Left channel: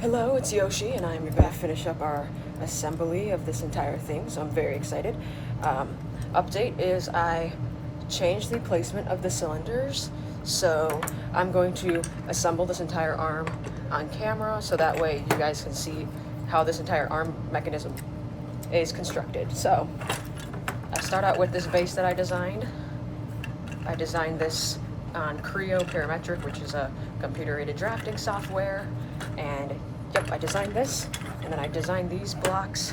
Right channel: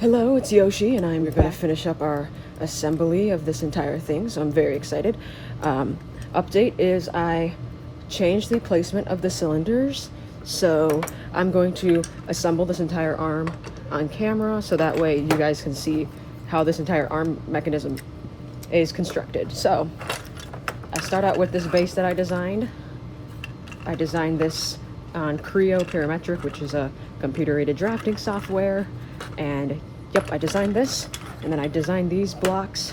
Hello, it's Yoshi, and I'm going to finish up our assembly of this entire thing, so I'm very excited. Update is I changed the placement of the cylinders, so I'm going to assemble this entire arm on camera, so that way you guys can see how this entire arm mechanism is constructed. So, I start out with this base that I designed. I designed this on Pneumatic, which is a computer-aided drafting software, and yep, I designed this, and then I designed these blocks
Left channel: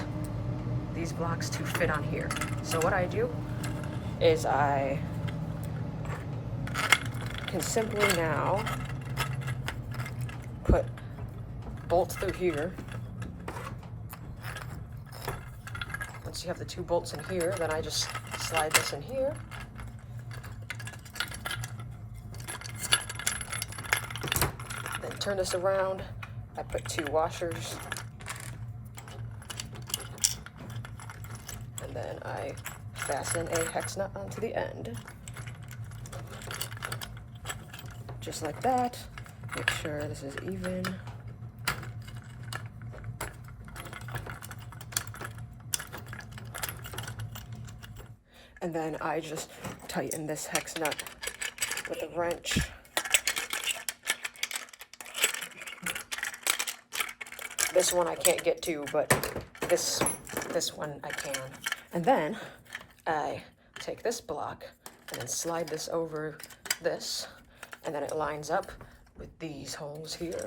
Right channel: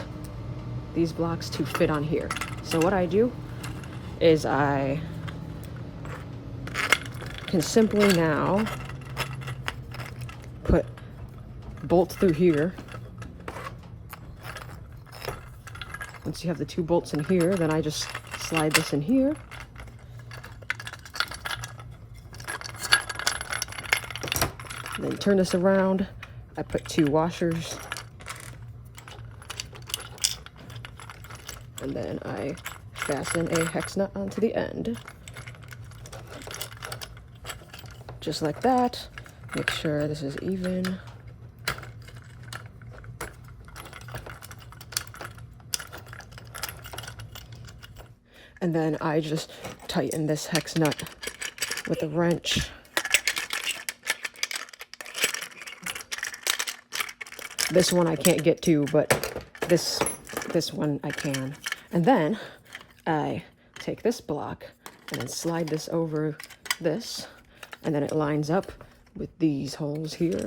to fit on here. So what I do is I can simply now put bolts through here. Once you have the two bolts in here, then I just slide this in here. Then turn this around. I put two washers. And then I fasten a hex nut onto the end. Just like that. Make sure this is even. And then I just tighten this hex nut with a wrench. This one I can't get to, but this one I can. And then I take this block and slide this over this, and then it lines up with these holes here.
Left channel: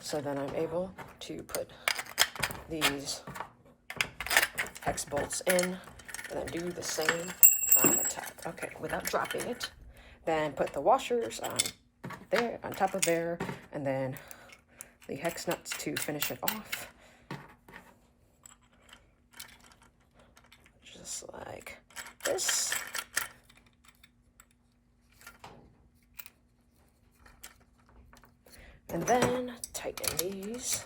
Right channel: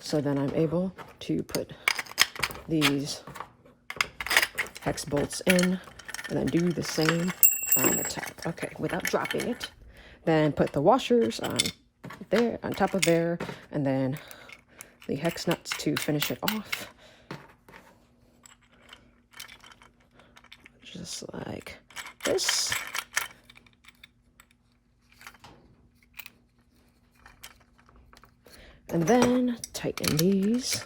So then I'm able to put these hex bolts in, and then do the same on the top. Okay, without dropping it. Then put the washers on there, on top of there, and then the hex nuts to finish it off. Just like this. And then tighten these.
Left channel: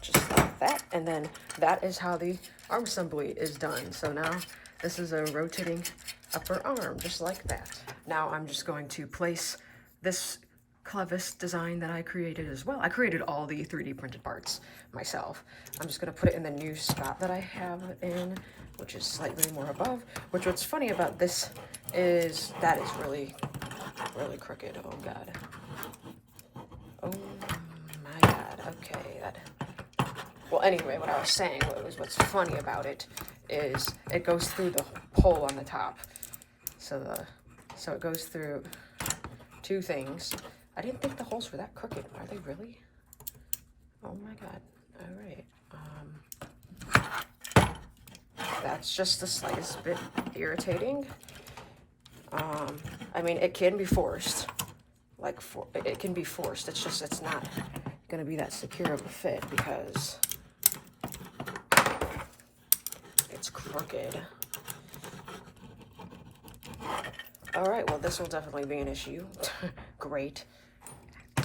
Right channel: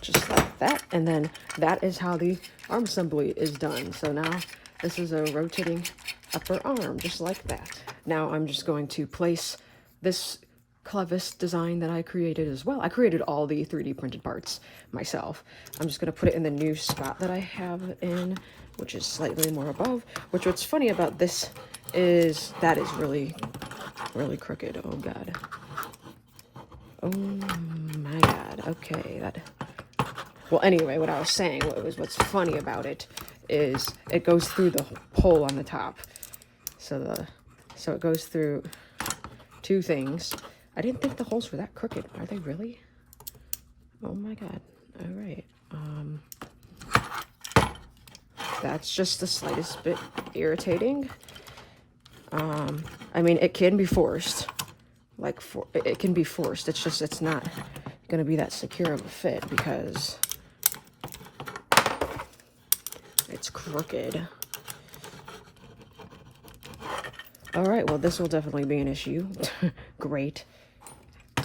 Just like that, and then that is how the arm assembly is done. So now this is a rotating upper arm, just like that. Now I'm just going to place this clevis design that I created as well. I created all the 3D printed parts myself. I'm just going to put it in the new spot that I have in, which is slightly more above. What's funny about this is that is really crooked. Oh god. Oh my god. Okay, that. Well, anyway, what I was saying was what's funny about it is it goes through the hole on the top. So it goes through two things. I didn't think the holes were that crooked. Are they really? Oh my god. All right. That's just the slightest bit irritating. I mean, it can be forced. Like, it can be forced. It's just, it's not going to be that secure of a fit because it's crooked. All right, well, this will definitely be an issue. Great.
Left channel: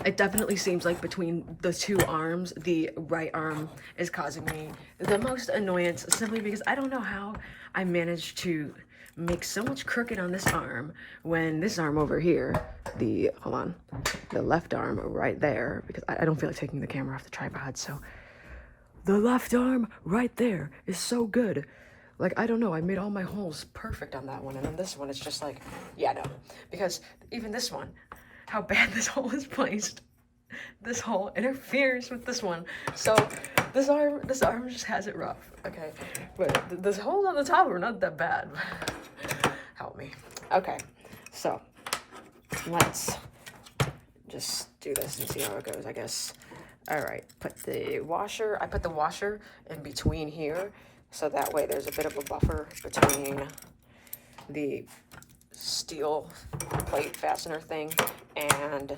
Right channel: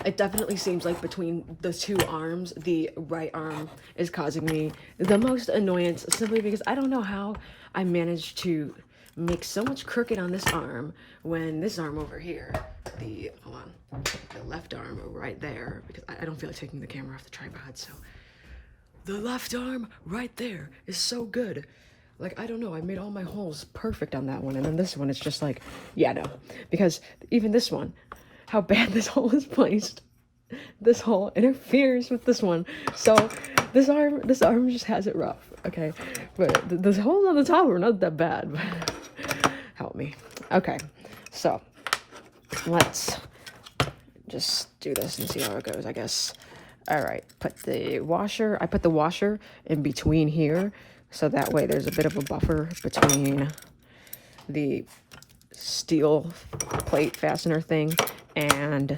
It definitely seems like between the two arms, the right arm is causing me the most annoyance, simply because I don't know how I managed to make so much crooked on this arm when this arm over here, the left arm right there, because I don't feel like taking the camera off the tripod, so the left arm right there is so good. Like, I don't know, I made all my holes perfect on that one, and then this one, it's just like, yeah, no. Because even this one, how bad this hole is placed, this hole interferes with this one. So, this arm just has it rough, okay? But the holes on the top are not that bad, but help me. Okay, so, let's just do this and see how it goes, I guess. All right, I put the washer in between here, so that way there's a bit of a buffer between the steel plate fastener thing and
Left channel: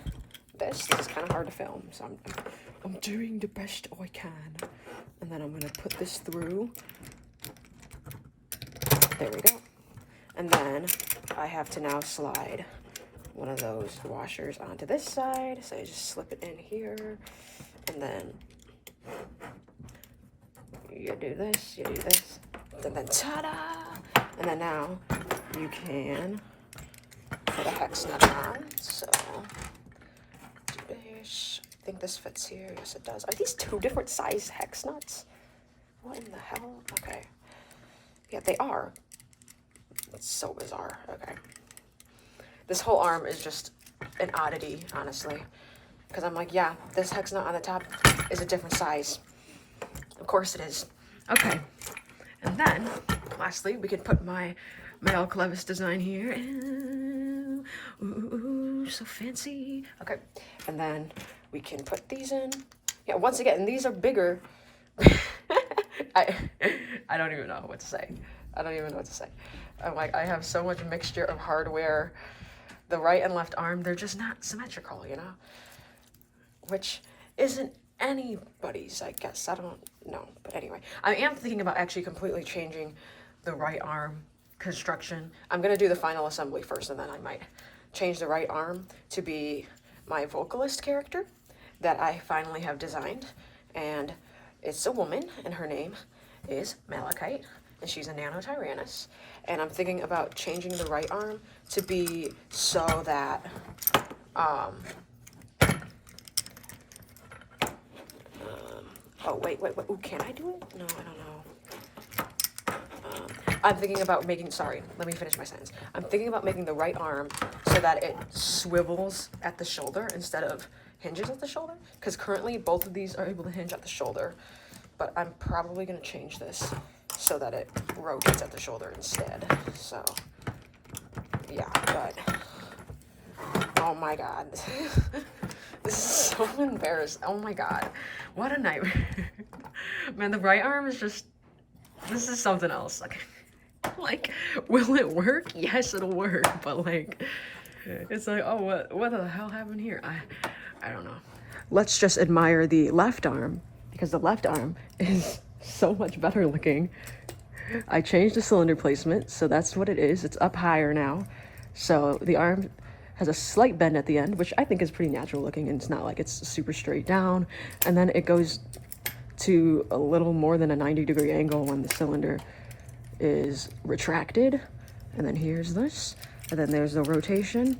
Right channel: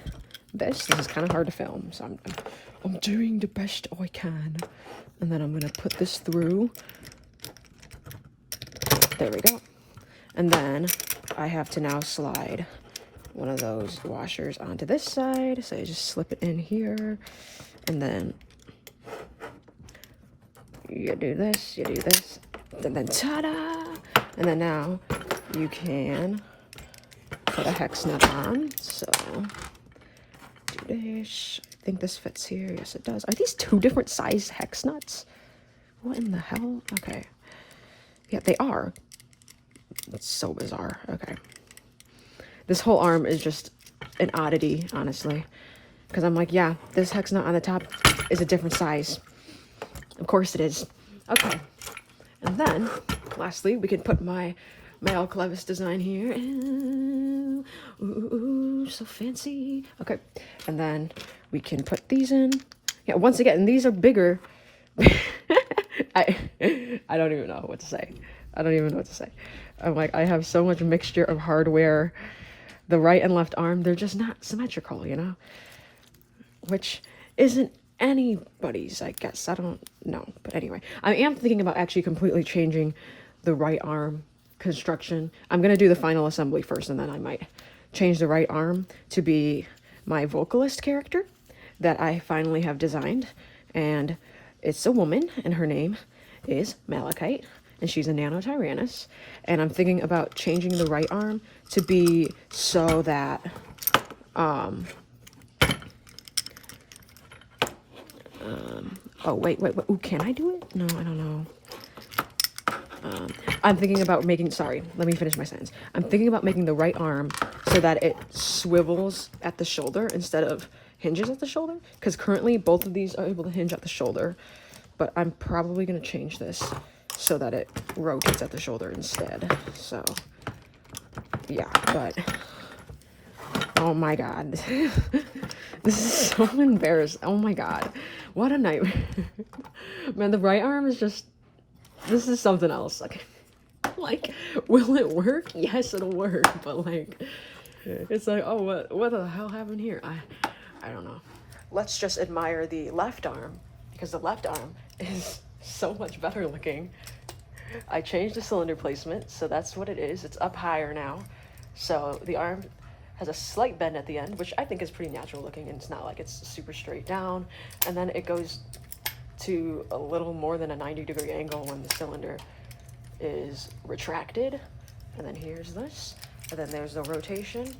this. This is kind of hard to film, so I'm doing the best I can. And then I'm gonna put this through. There we go. And then I have to now slide one of those washers onto this side. So I just slip it in here, and then you do this, and then ta-da! And then now you can put a hex nut down. So, I think this fits here. Yes, it does. Are these two different size hex nuts? What in the hell? Okay. Yeah, they are. It's so bizarre. Okay. This whole arm is just an oddity, honestly. Because I'm like, yeah, this hex nut on the top is a different size. Of course it is. Okay. And then, lastly, we can put my Al Clevis design here. Ooh, so fancy. Okay. And then we can put these in. Yeah, once again, these are bigger. I don't even know what to say. I don't even know what to say. I'm like, I have so much mixture of hardware. The right and left arm, they're just not symmetrical, you know? Which isn't anybody's, I guess. I don't know. But anyway, I am thinking about actually completely changing the right arm construction. I'm going to do the final assembly first, and then I might change the right arm to be my vocalist character that I finally have designed. And it's a woman, and her name is Malachite, and she's a Nanotyrannus. And I'm thinking about changing the right arm to be so that, oh, wait, ooh, can I do it? No, I don't know. I'm thinking about making, sorry, let me finish my sentence. I'm thinking about making the right arm so that it swivels at the shoulder instead of hinges at the shoulder. Because currently both of these are able to hinge at the shoulder. But I'm probably going to change this so that it rotates at the shoulder instead. So, yeah, but, oh my god. This is so embarrassing. Oh my god. What a nightmare. Man, the right arm is just, this is something else. Like, will it work? Yes, it'll work. But like, it's like, oh, what the hell happened here? I don't know. Let's just admire the left arm, because the left arm is so much better looking. I changed the cylinder placement, so that's what it is. It's up higher now. So the arm has a slight bend at the end, which I think is pretty natural looking, and it's not like it's super straight down. And then it goes to a little more than a 90-degree angle when the cylinder is retracted. And then here's this. And then there's the rotation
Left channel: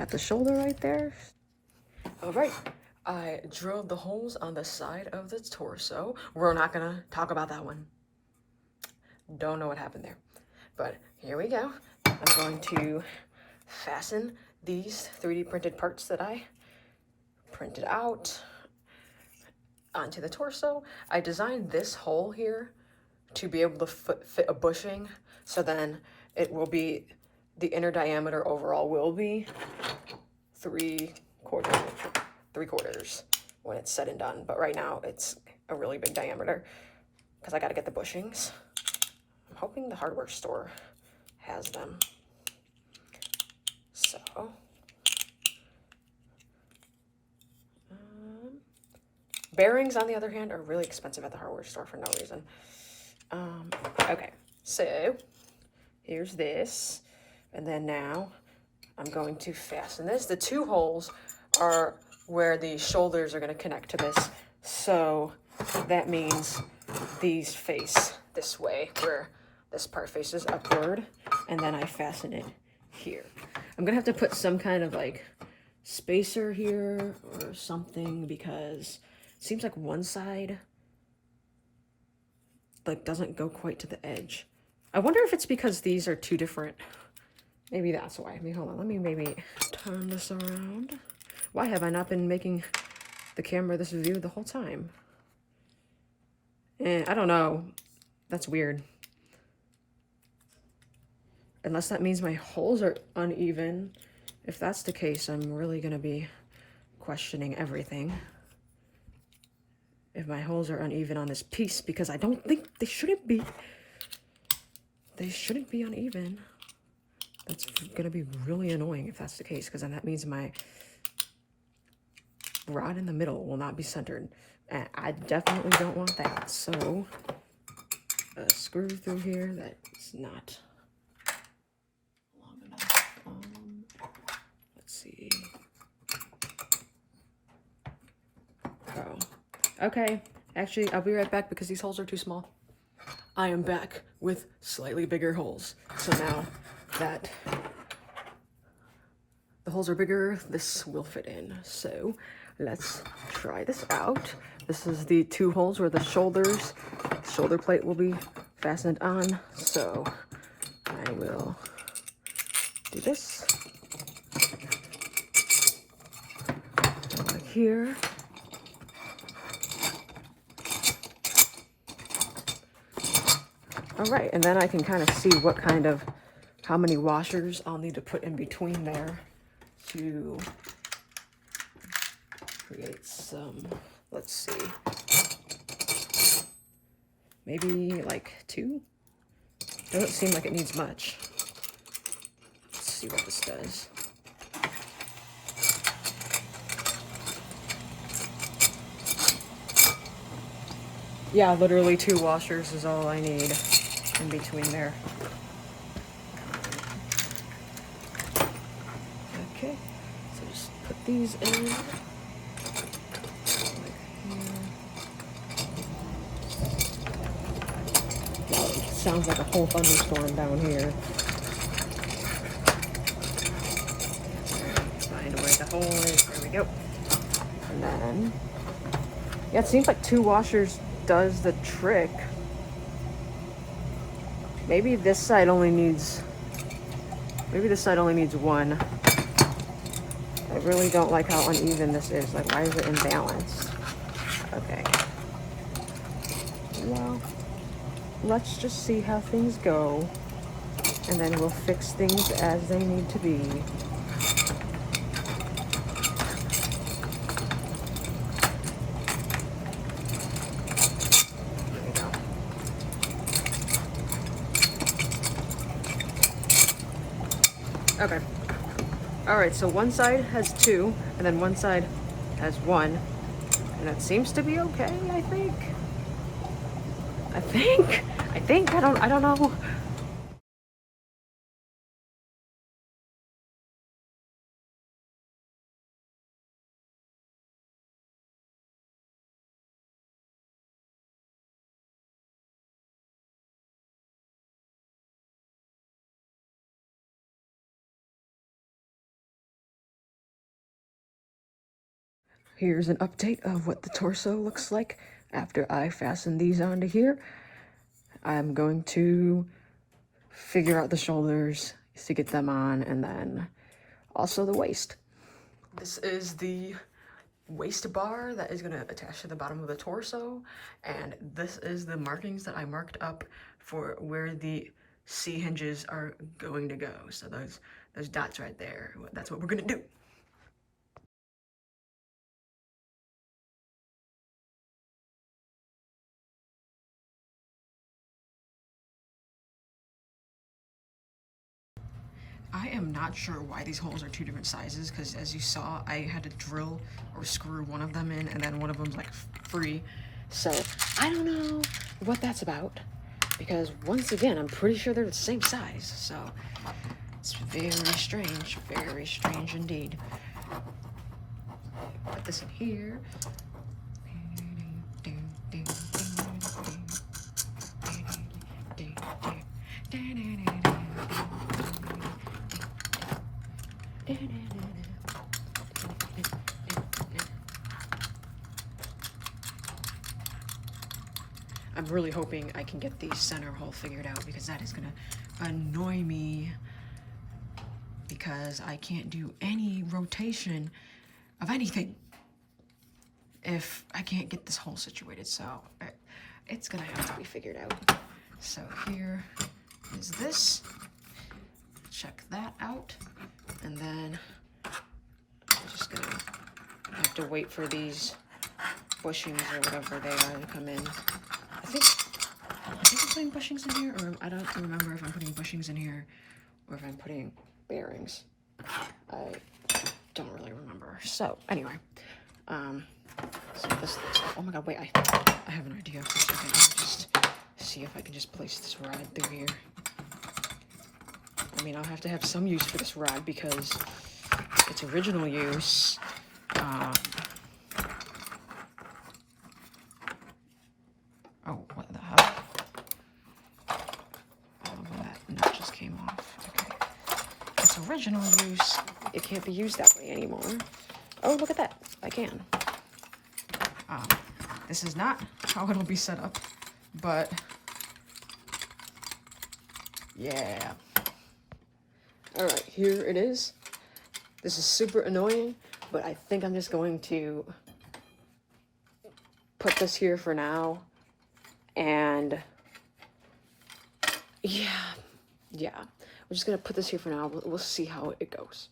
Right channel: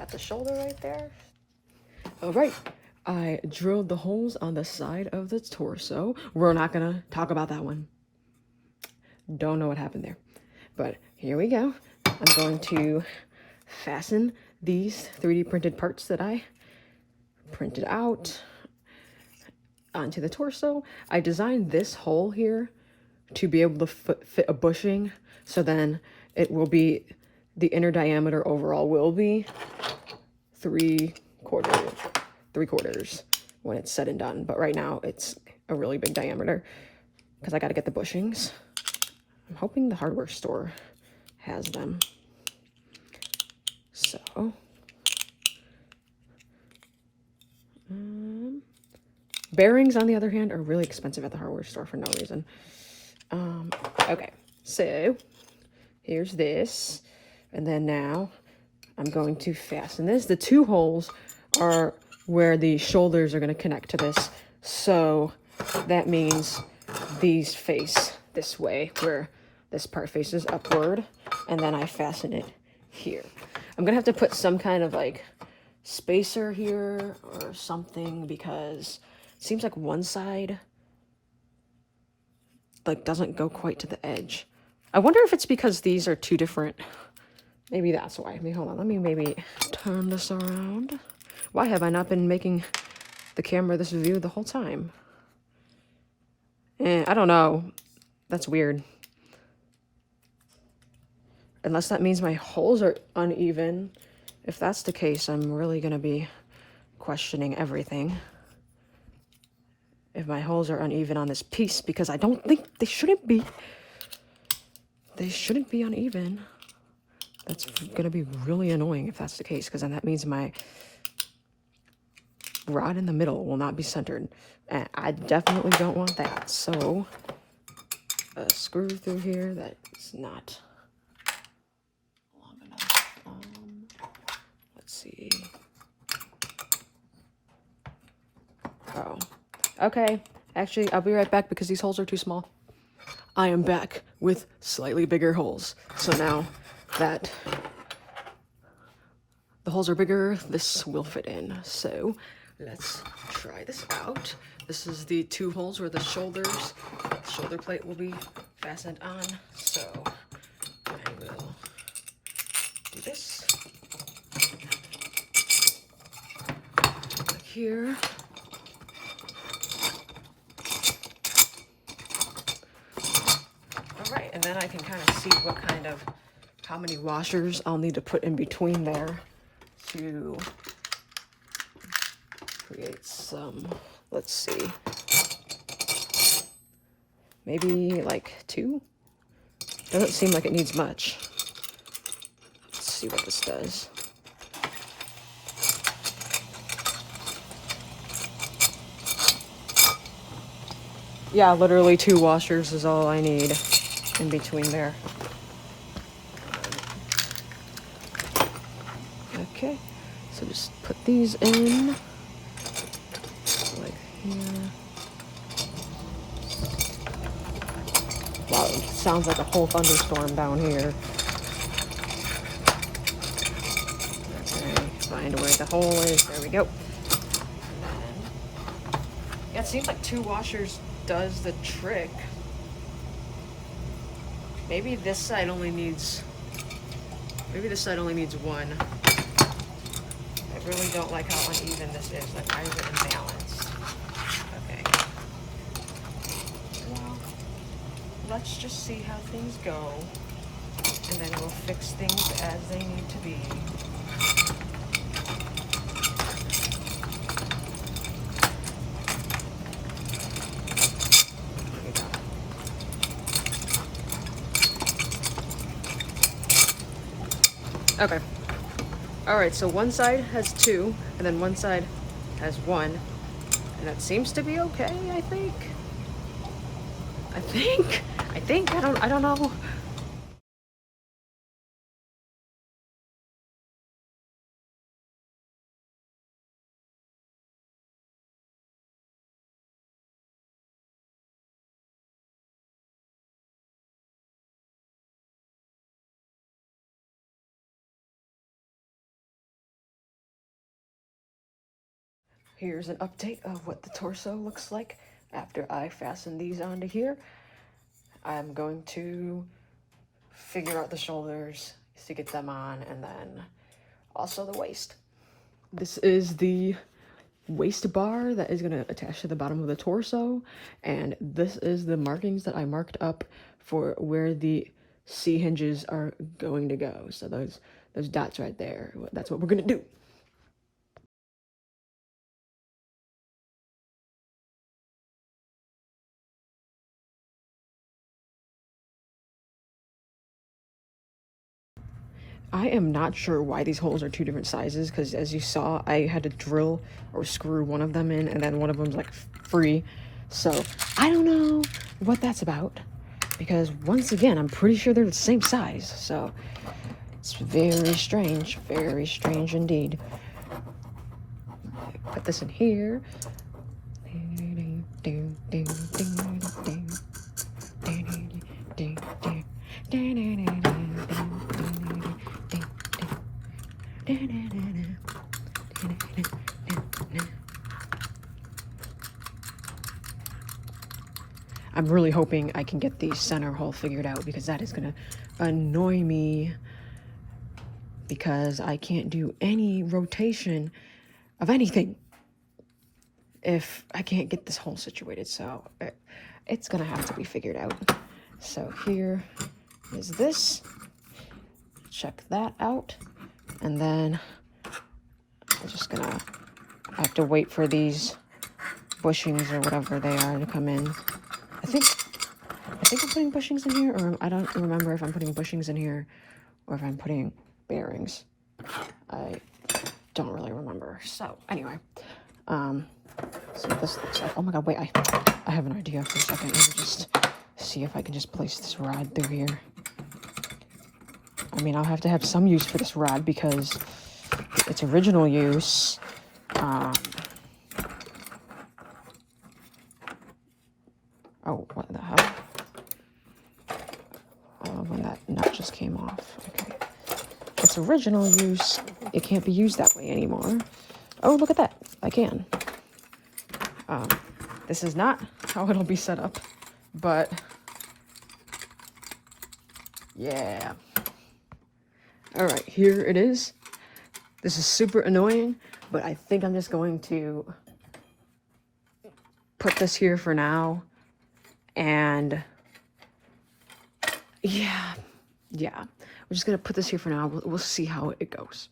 at the shoulder right there. All right. I drilled the holes on the side of the torso. We're not gonna talk about that one. Don't know what happened there. But here we go. I'm going to fasten these 3D printed parts that I printed out onto the torso. I designed this hole here to be able to fit a bushing, so then it will be, the inner diameter overall will be 3/4 when it's said and done. But right now it's a really big diameter because I got to get the bushings. I'm hoping the hardware store has them. So, bearings, on the other hand, are really expensive at the hardware store for no reason. Okay, so here's this, and then now I'm going to fasten this. The two holes are where the shoulders are going to connect to this, so that means these face this way, where this part faces upward, and then I fasten it here. I'm gonna have to put some kind of like spacer here or something, because it seems like one side like doesn't go quite to the edge. I wonder if it's because these are two different, maybe that's why. Hold on, let me maybe turn this around. Why have I not been making the camera this view the whole time? I don't know. That's weird. Unless that means my holes are uneven. If that's the case, I'm really gonna be questioning everything. If my holes are uneven on this piece, because I don't think they shouldn't be. They shouldn't be uneven. That's gonna be really annoying if that's the case, because then that means my rod in the middle will not be centered. And I definitely don't want that. So, a screw through here that's not long enough. Let's see. Oh, okay. Actually, I'll be right back because these holes are too small. I am back with slightly bigger holes. So now that the holes are bigger, this will fit in. So let's try this out. This is the 2 holes where the shoulder plate will be fastened on. So I will do this. Like here. All right, and then I can kind of see how many washers I'll need to put in between there to create some, let's see, maybe like 2? Doesn't seem like it needs much. Let's see what this does. Yeah, literally 2 washers is all I need in between there. Okay, so just put these in, like here. Wow, it sounds like a whole thunderstorm down here. Find where the hole is, there we go. And then, yeah, it seems like 2 washers does the trick. Maybe this side only needs 1. I really don't like how uneven this is. Like, why is it imbalanced? Okay. Well, let's just see how things go, and then we'll fix things as they need to be. There we go. Okay. All right, so one side has 2, and then one side has 1, and that seems to be okay, I think. I don't know. Here's an update of what the torso looks like after I fasten these onto here. I'm going to figure out the shoulders to get them on, and then also the waist. This is the waist bar that is going to attach to the bottom of the torso, and this is the markings that I marked up for where the C hinges are going to go. So those dots right there, that's what we're going to do. I am not sure why these holes are 2 different sizes, because as you saw, I had to drill or screw one of them in, and then one of them's like free. So I don't know what that's about, because once again, I'm pretty sure they're the same size. So it's very strange indeed. Put this in here. I'm really hoping I can get the center hole figured out, because that is gonna annoy me, because I can't do any rotation of anything if I can't get this hole situated. So it's gonna have to be figured out. So here is this. Check that out, and then I'm just gonna have to wait for these bushings or whatever they are to come in. I think I'm putting bushings in here, or I don't remember if I'm putting bushings in here or if I'm putting bearings. I don't really remember. So anyway, so this looks like, oh my god, wait, I have an idea for a second. Let me just see if I can just place this rod through here. I mean, I'll have to have some use for this rod, because its original use, oh, what the hell? came off. Okay. Its original use, it can't be used that way anymore. Oh, look at that. I can. This is not how it'll be set up, but yeah. All right, here it is. This is super annoying, but I think I'm just going to put this here for now. And yeah, we're just gonna put this here for now. We'll see how it goes.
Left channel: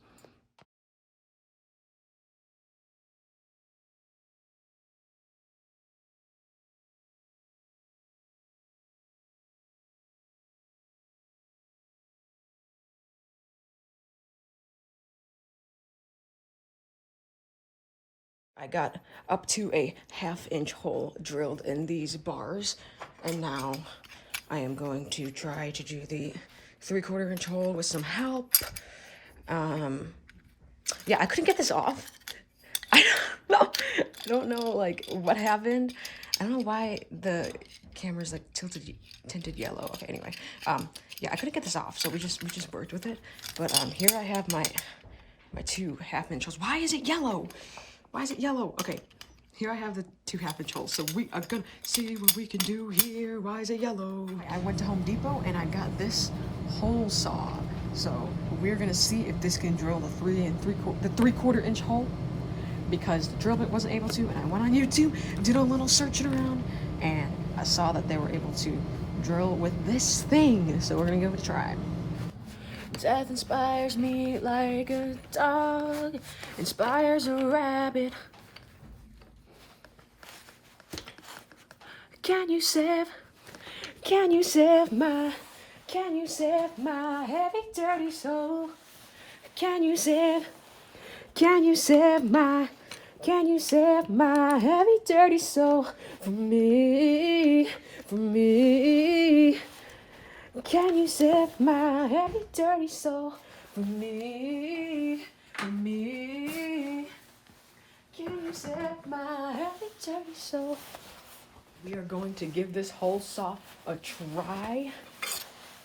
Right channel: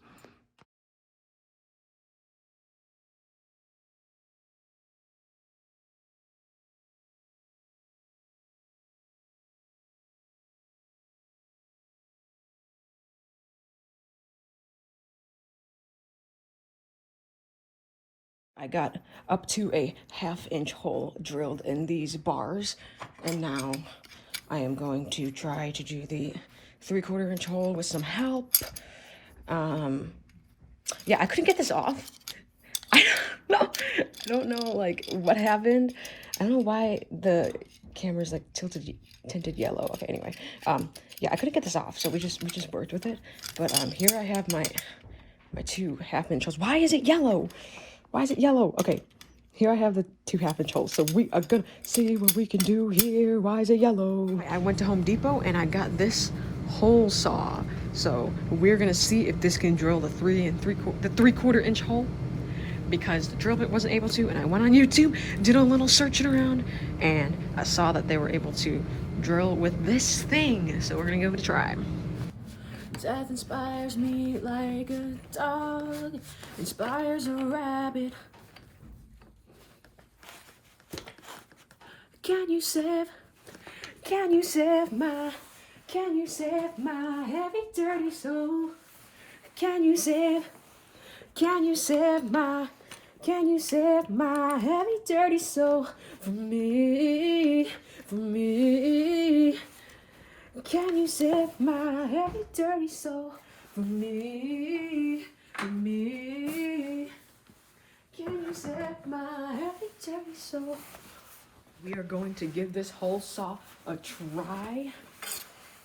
I got up to a 1/2-inch hole drilled in these bars, and now I am going to try to do the 3/4-inch hole with some help. Yeah, I couldn't get this off. I don't know like what happened. I don't know why the camera's like tinted yellow. Okay, anyway, yeah, I couldn't get this off, so we just worked with it. But here I have my 2 1/2-inch holes. Why is it yellow? Why is it yellow? Okay, here I have the 2 1/2-inch holes. So we are gonna see what we can do here. Why is it yellow? I went to Home Depot and I got this hole saw. So we're gonna see if this can drill the 3/4-inch hole, because the drill bit wasn't able to. And I went on YouTube, did a little searching around, and I saw that they were able to drill with this thing. So we're gonna give it a try. Death inspires me like a dog inspires a rabbit. Can you save my heavy dirty soul? Can you save my heavy dirty soul for me? Can you save my heavy dirty soul for me? Can you save my heavy dirty soul? We are going to give this hole saw a try.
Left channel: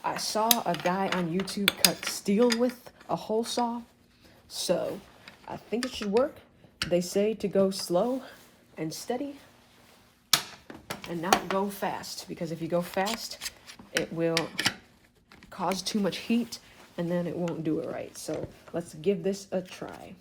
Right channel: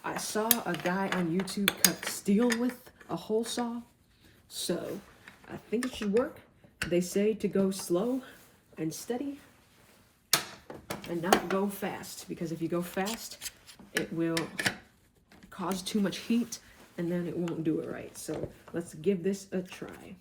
I saw a guy on YouTube cut steel with a hole saw, so I think it should work. They say to go slow and steady and not go fast, because if you go fast, it will cause too much heat and then it won't do it right. So let's give this a try.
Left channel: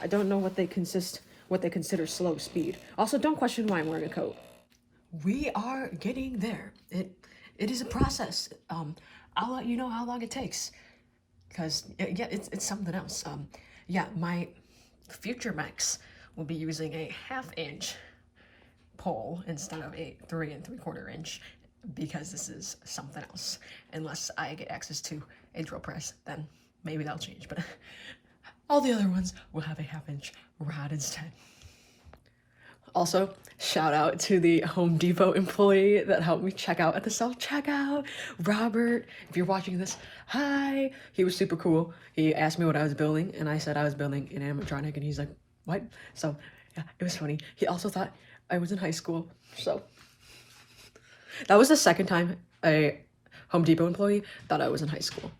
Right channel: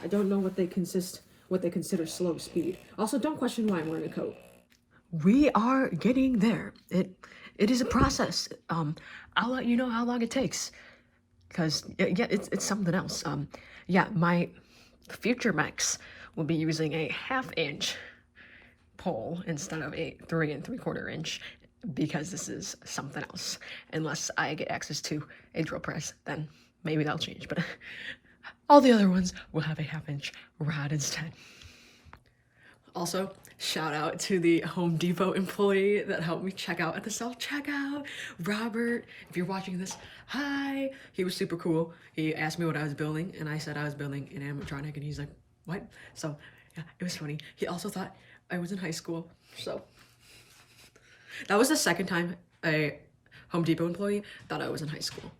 I don't know what they consider slow speed. Also, don't question why I'm wearing a coat. We are getting there. It is a process. I'll let you know how long it takes, because yeah, it's something else. Yeah, my future mechs will be using a 1/2-inch pole instead of a 3 3/4-inch, because this is something else. Unless I get access to a drill press, then maybe that'll change. But all the other ones will have a 1/2-inch rod instead. Also, shout out to the Home Depot employee that helped me check out at the self-checkout. Robert, if you're watching this, hi. He was super cool. He asked me what I was building, and I said I was building an animatronic, and he's like, what? So, yeah, it was funny. He also thought I was in high school, so. That was the second time a Home Depot employee thought I was in high school.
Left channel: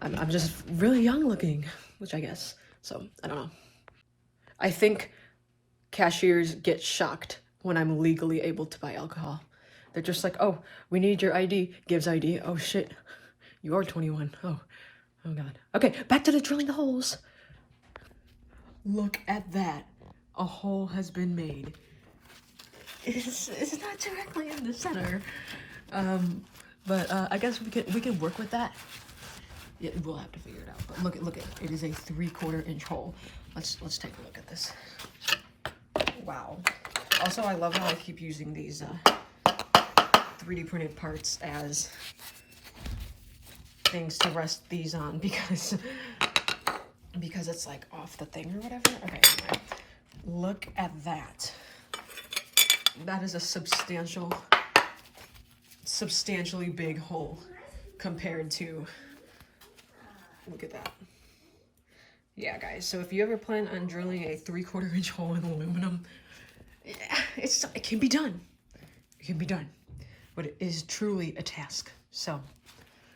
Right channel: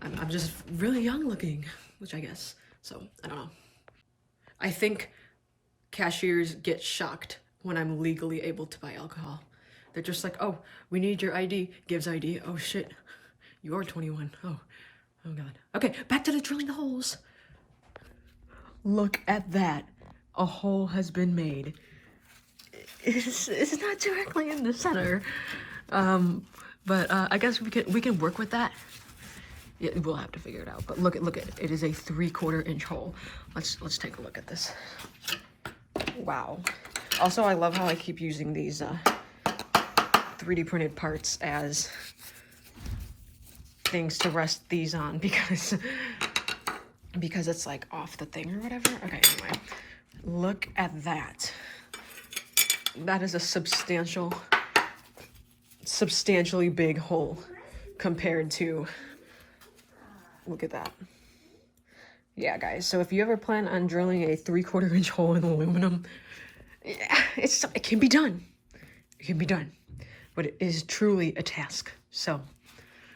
I'm just really young looking, which I guess, so, I don't know. I think cashiers get shocked when I'm legally able to buy alcohol. They're just like, oh, we need your ID. Gives ID. Oh shit, you are 21. Oh god. Okay, back to the drilling the holes. Look at that. A hole has been made. It's not directly in the center. But I guess we can work with that. Yeah, we'll have to figure it out. But look at it. It is a 3/4-inch hole. Let's take a look at this. Wow. Also, I love how I keep using these 3D printed parts as things to rest these on, because it's like off the thing or whatever. Okay, anyway. Look at that. That is a substantially big hole compared to Look at that. Yeah, guys, so if you ever plan on drilling a 3/4 inch hole in aluminum, yeah, it can be done. It can be done. But it is truly a task. So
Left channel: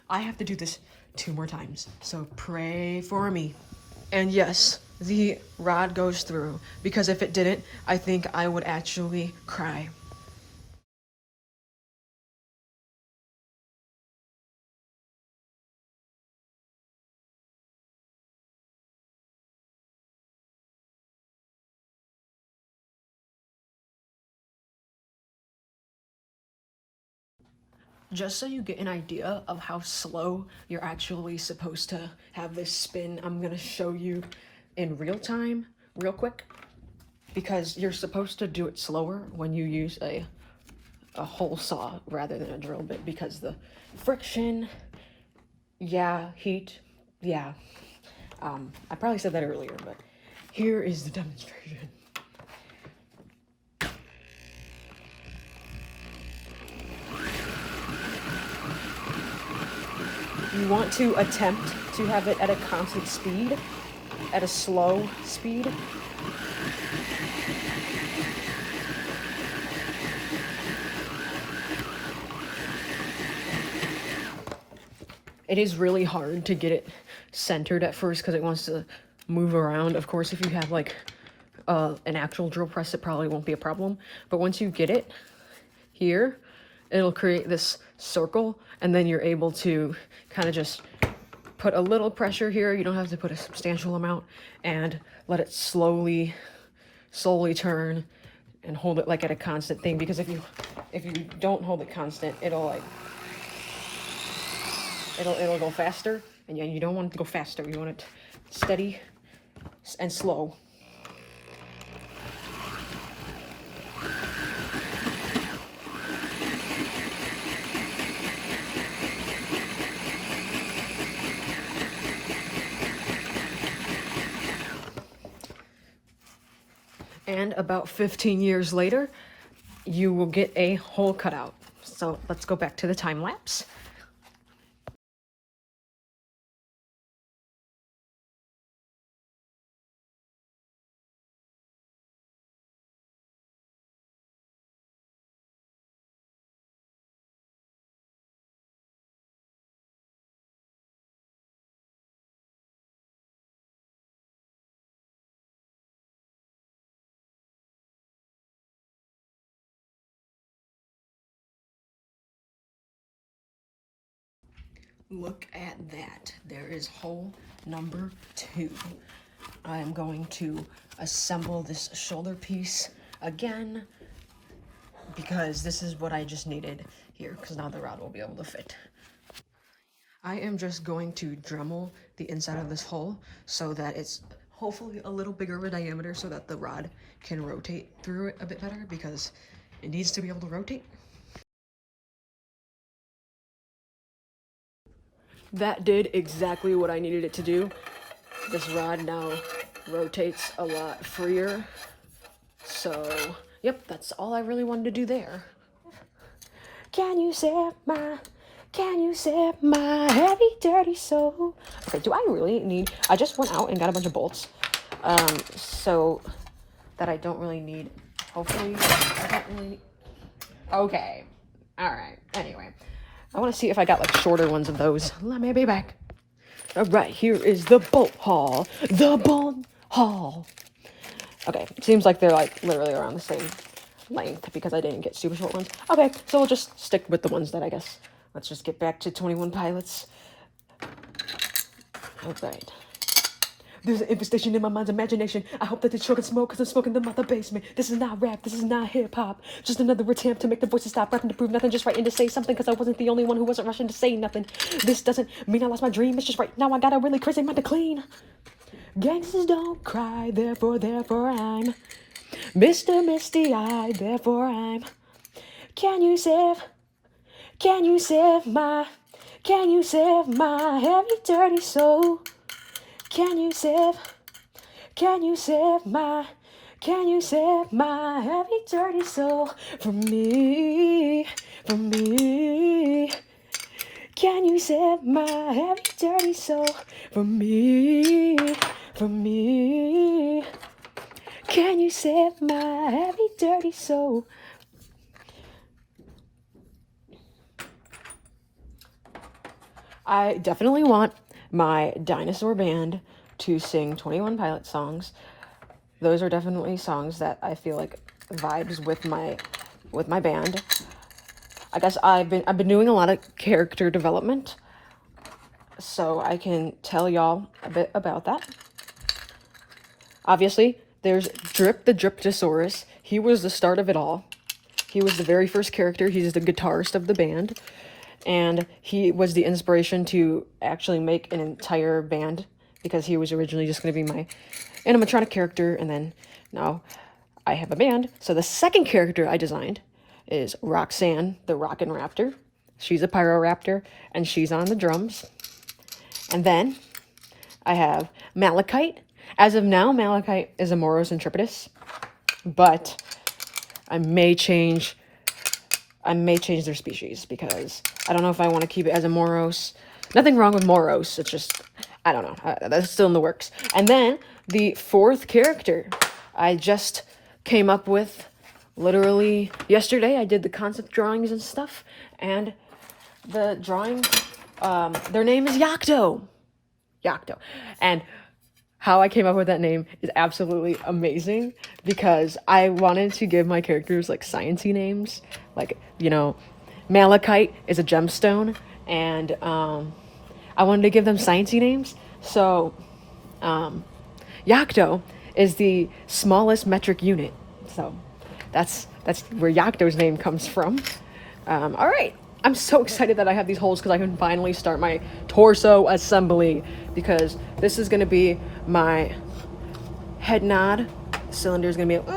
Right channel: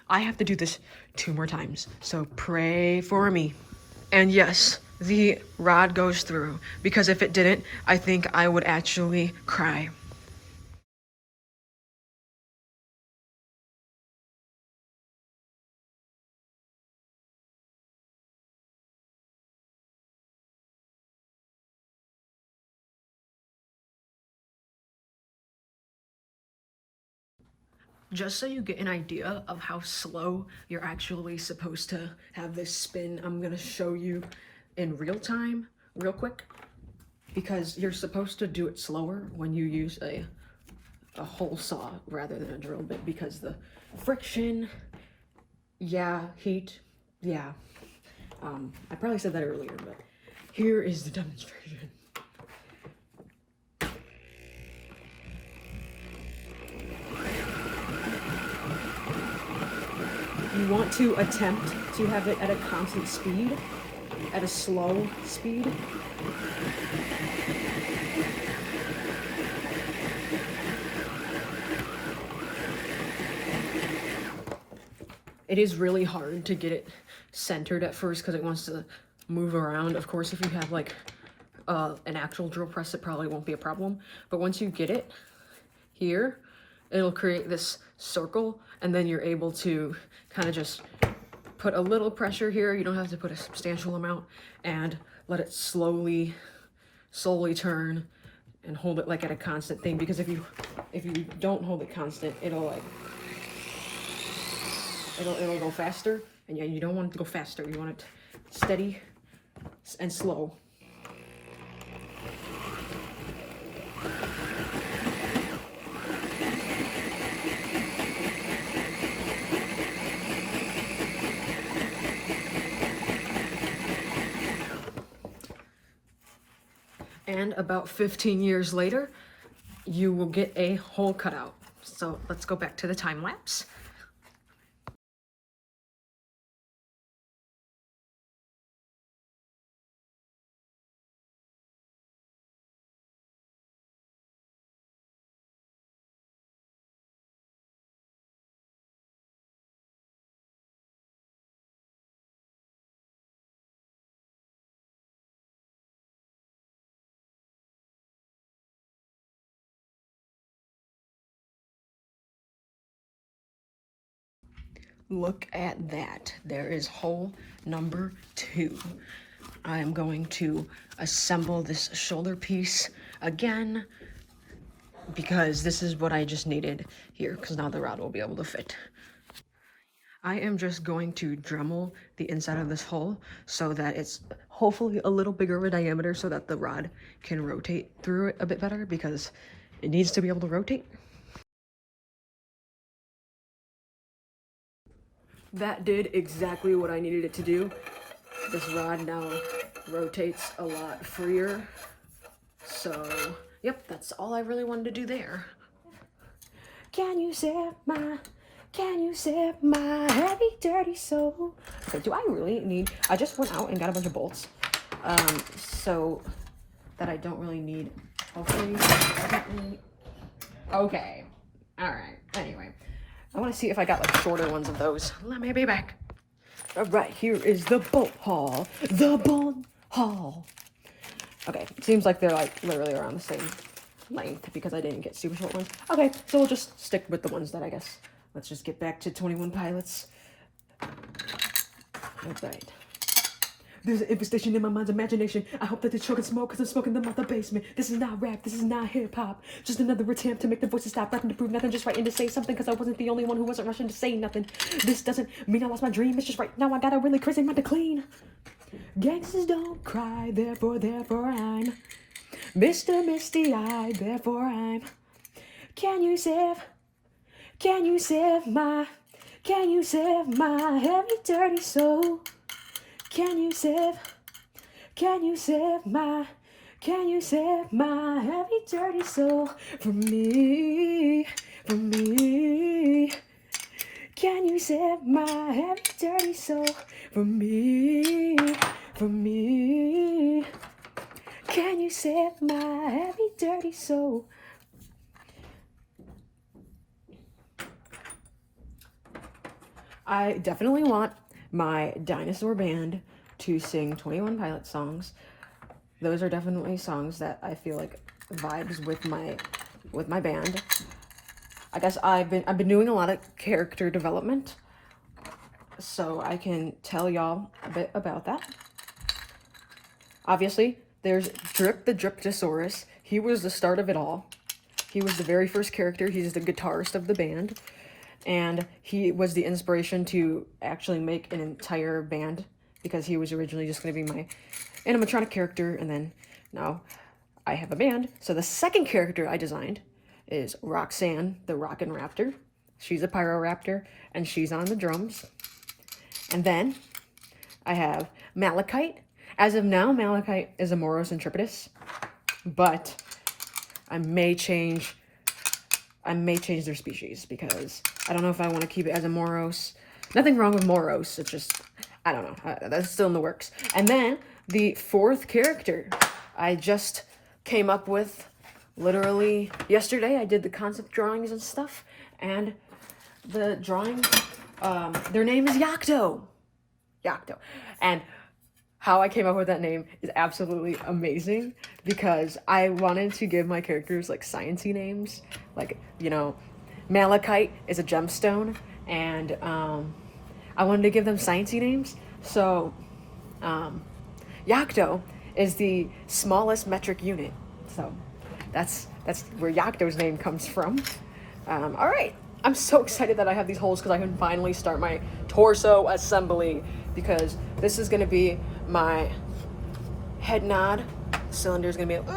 I have to do this 2 more times. So pray for me. And yes, the rod goes through, because if it didn't, I think I would actually cry. Just so you get an idea of how slow you're actually supposed to have this spin, I'm gonna show you in real time, real quick, because you're supposed to do it slower when you use a hole saw rather than a drill bit, because the friction, yeah, heat, yeah. I probably said that earlier, but here is the demonstration. You want to attempt to have it at a constant speed, at a slow speed. It is really hard to get it centered at first because it wants to move around. Of course, if you have like an actual drill press, it probably won't be a problem. But once you get it here, it'll create this circle, and then you're able to kind of just put a little pressure here. You don't have to put a substantial amount, and let it slowly turn and hold it like at a constant thing, because if you don't hold it constant, it'll go faster, and yeah, you don't want it to go faster. You want it steady and slow. And about 15 years later, you will get a hole cut out. So let's go back to the time lapse. Look at that. There is hole number 2. I am going to assemble this shoulder piece again, because this is what I just needed here, because now the rod will be able to fit. I am just going to Dremel the inside of this hole so that it's hopefully a little bigger of a diameter, so that the rod can rotate through it a bit better, because it needs to be able to rotate. That did exactly what I needed it to do. This rod now rotates a lot freer. So, yep, that's all I really wanted to do there. Can you save my heavy, dirty soul? Okay, do I really need... I just went out and got a bunch of bolts. So that I don't really need... Hopefully, I don't really... Okay. Alright, anyway. I want to see if I got like shorter ones of those. Let me be back. Alright, here is the bolt haul. The bolt haul. Okay, seems like they're like literally around the same length, because I didn't get super short ones. Okay, so we'll just stick with the ones that I guess. Let's just get back to 21 Pilots. Alright. There's an infestation in my mind's imagination. I hope that they're choking smoke, because I'm smoking them out the basement. This is not rap, this is not hip-hop. Just another attempt to make the voices stop rapping to prove nothing. Just writing to say something, because I wasn't the only one who wasn't rushing to say nothing. This doesn't mean I lost my dream. It's just right now I got a really crazy mind to clean. Gangsters don't cry, therefore I'm Mr. Misty-eyed, therefore I'm... Can you save my heavy, dirty soul? Can you save my heavy, dirty soul from me? Can you save my heavy, dirty soul. For me, for me. Can you save my heavy, dirty soul? I definitely want my dinosaur band to sing 21 Pilot songs. Those are definitely songs that I feel like vibes with my band. I guess I've been doing a lot of character development, so I can tell y'all a bit about that. Obviously, there's Drip the Driptosaurus. He was the start of it all. He was the very first character. He's the guitarist of the band. And he was the inspiration to actually make an entire band, because he was originally just going to be my animatronic character, and then now I have a band. So the second character I designed is Roxanne, the Rockin' Raptor. She's a Pyroraptor, and she's on the drums. And then I have Malachite. As of now, Malachite is a Moros Intrepidus, but I may change their species, because I don't know if I want to keep it as a Moros. Nothing wrong with Moros. It's just, I don't know. That's still in the works. And then the fourth character I just came up with literally yesterday. I did the concept drawings and stuff. And the drawing, their name is Yakto. Yakto. And how I came up with that name is absolutely amazing, because I wanted to give my characters like sciencey names. Like, you know, Malachite is a gemstone, and I wanted to give them sciencey names. So Yakto is the smallest metric unit. So that's where Yakto's name comes from. All right. I'm so excited that I have these holes, because I can finally start my torso assembly, because this is going to be my head nod. The cylinder is going to be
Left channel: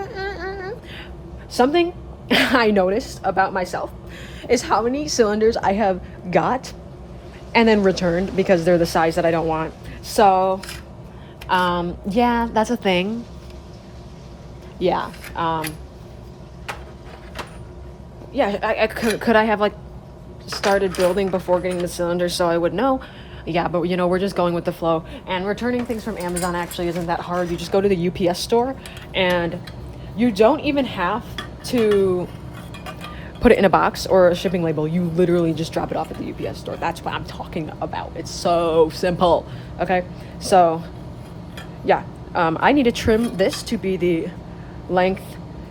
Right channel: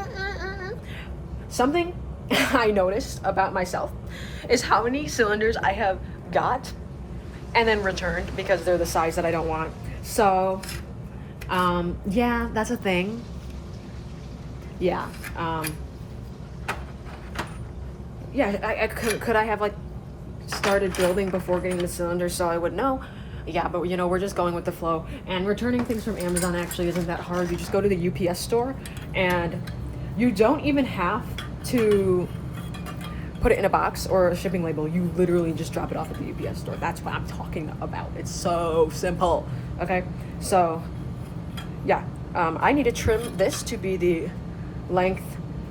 something I noticed about myself is how many cylinders I have got and then returned because they're the size that I don't want. So yeah, that's a thing. Yeah. Yeah, could I have like started building before getting the cylinder so I would know? Yeah, but you know, we're just going with the flow. And returning things from Amazon actually isn't that hard. You just go to the UPS store, and you don't even have to put it in a box or a shipping label. You literally just drop it off at the UPS store. That's what I'm talking about. It's so simple. Okay, so yeah, I need to trim this to be the length,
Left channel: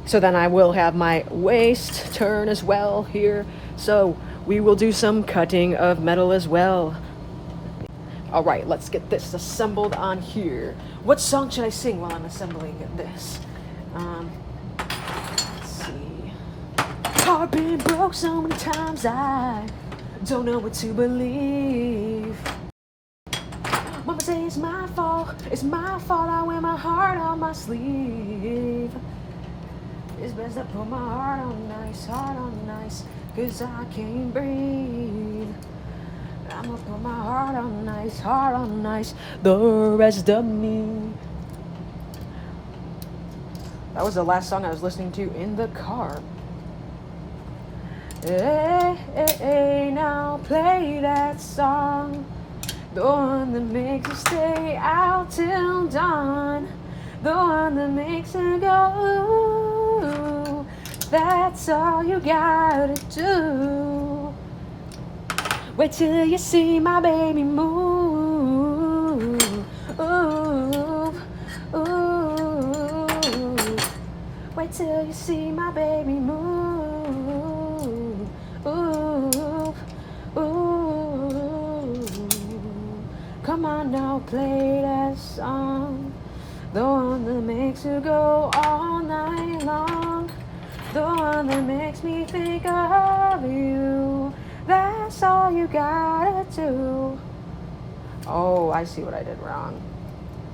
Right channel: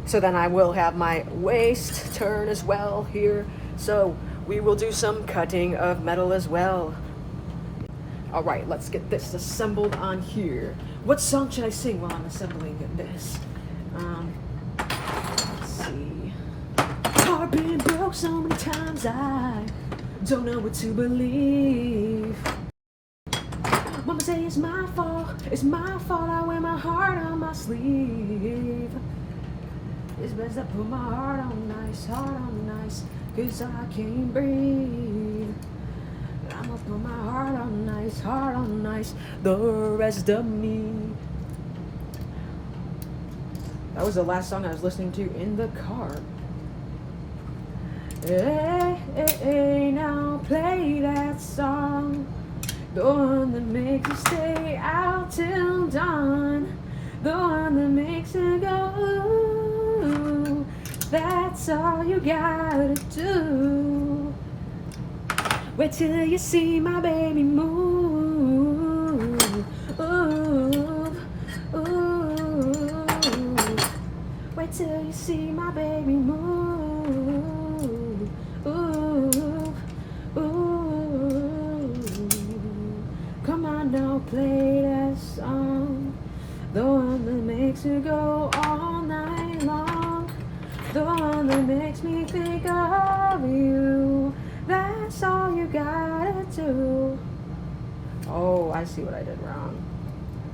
so then I will have my waist turn as well here. So we will do some cutting of metal as well. All right, let's get this assembled on here. What song should I sing while I'm assembling this? Let's see. Heart been broke so many times, I don't know what to believe. Mama say it's my fault, I wear my heart on my sleeve. It's best I put my heart on nice, 'cause I can't breathe. I'ma put my heart on nice, the rest of me. That was the last song I was listening to in the car. Hey, hey, hey, now play that song, the one that makes you stay out till dawn, the one that makes you go, ooh, that's all you gotta do. Wait till you see my baby move, ooh, ooh. Wait till you see my baby move, ooh, ooh. Come on now, play that song, the one that makes you go all night long, the one that makes me think of you. That's all you gotta do. Oh, I see what I did wrong.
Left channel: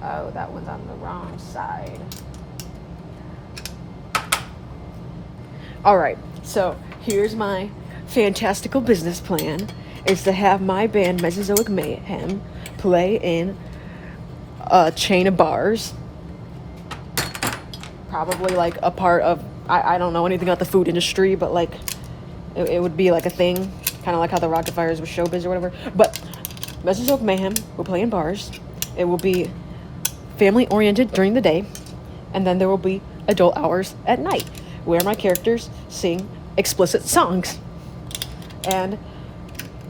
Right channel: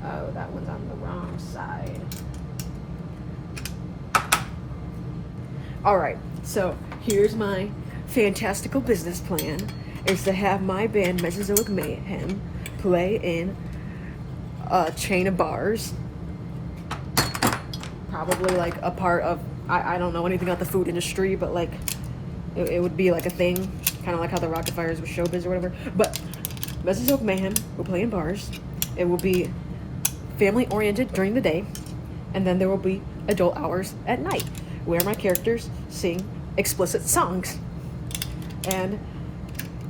Oh, that one's on the wrong side. All right, so here's my fantastical business plan. Is to have my band Mesozoic Mayhem play in a chain of bars. Probably like a part of, I don't know anything about the food industry, but like it would be like a thing. Kind of like how the Rock-afire is with showbiz or whatever. But Mesozoic Mayhem will play in bars. It will be family oriented during the day, and then there will be adult hours at night where my characters sing explicit songs, and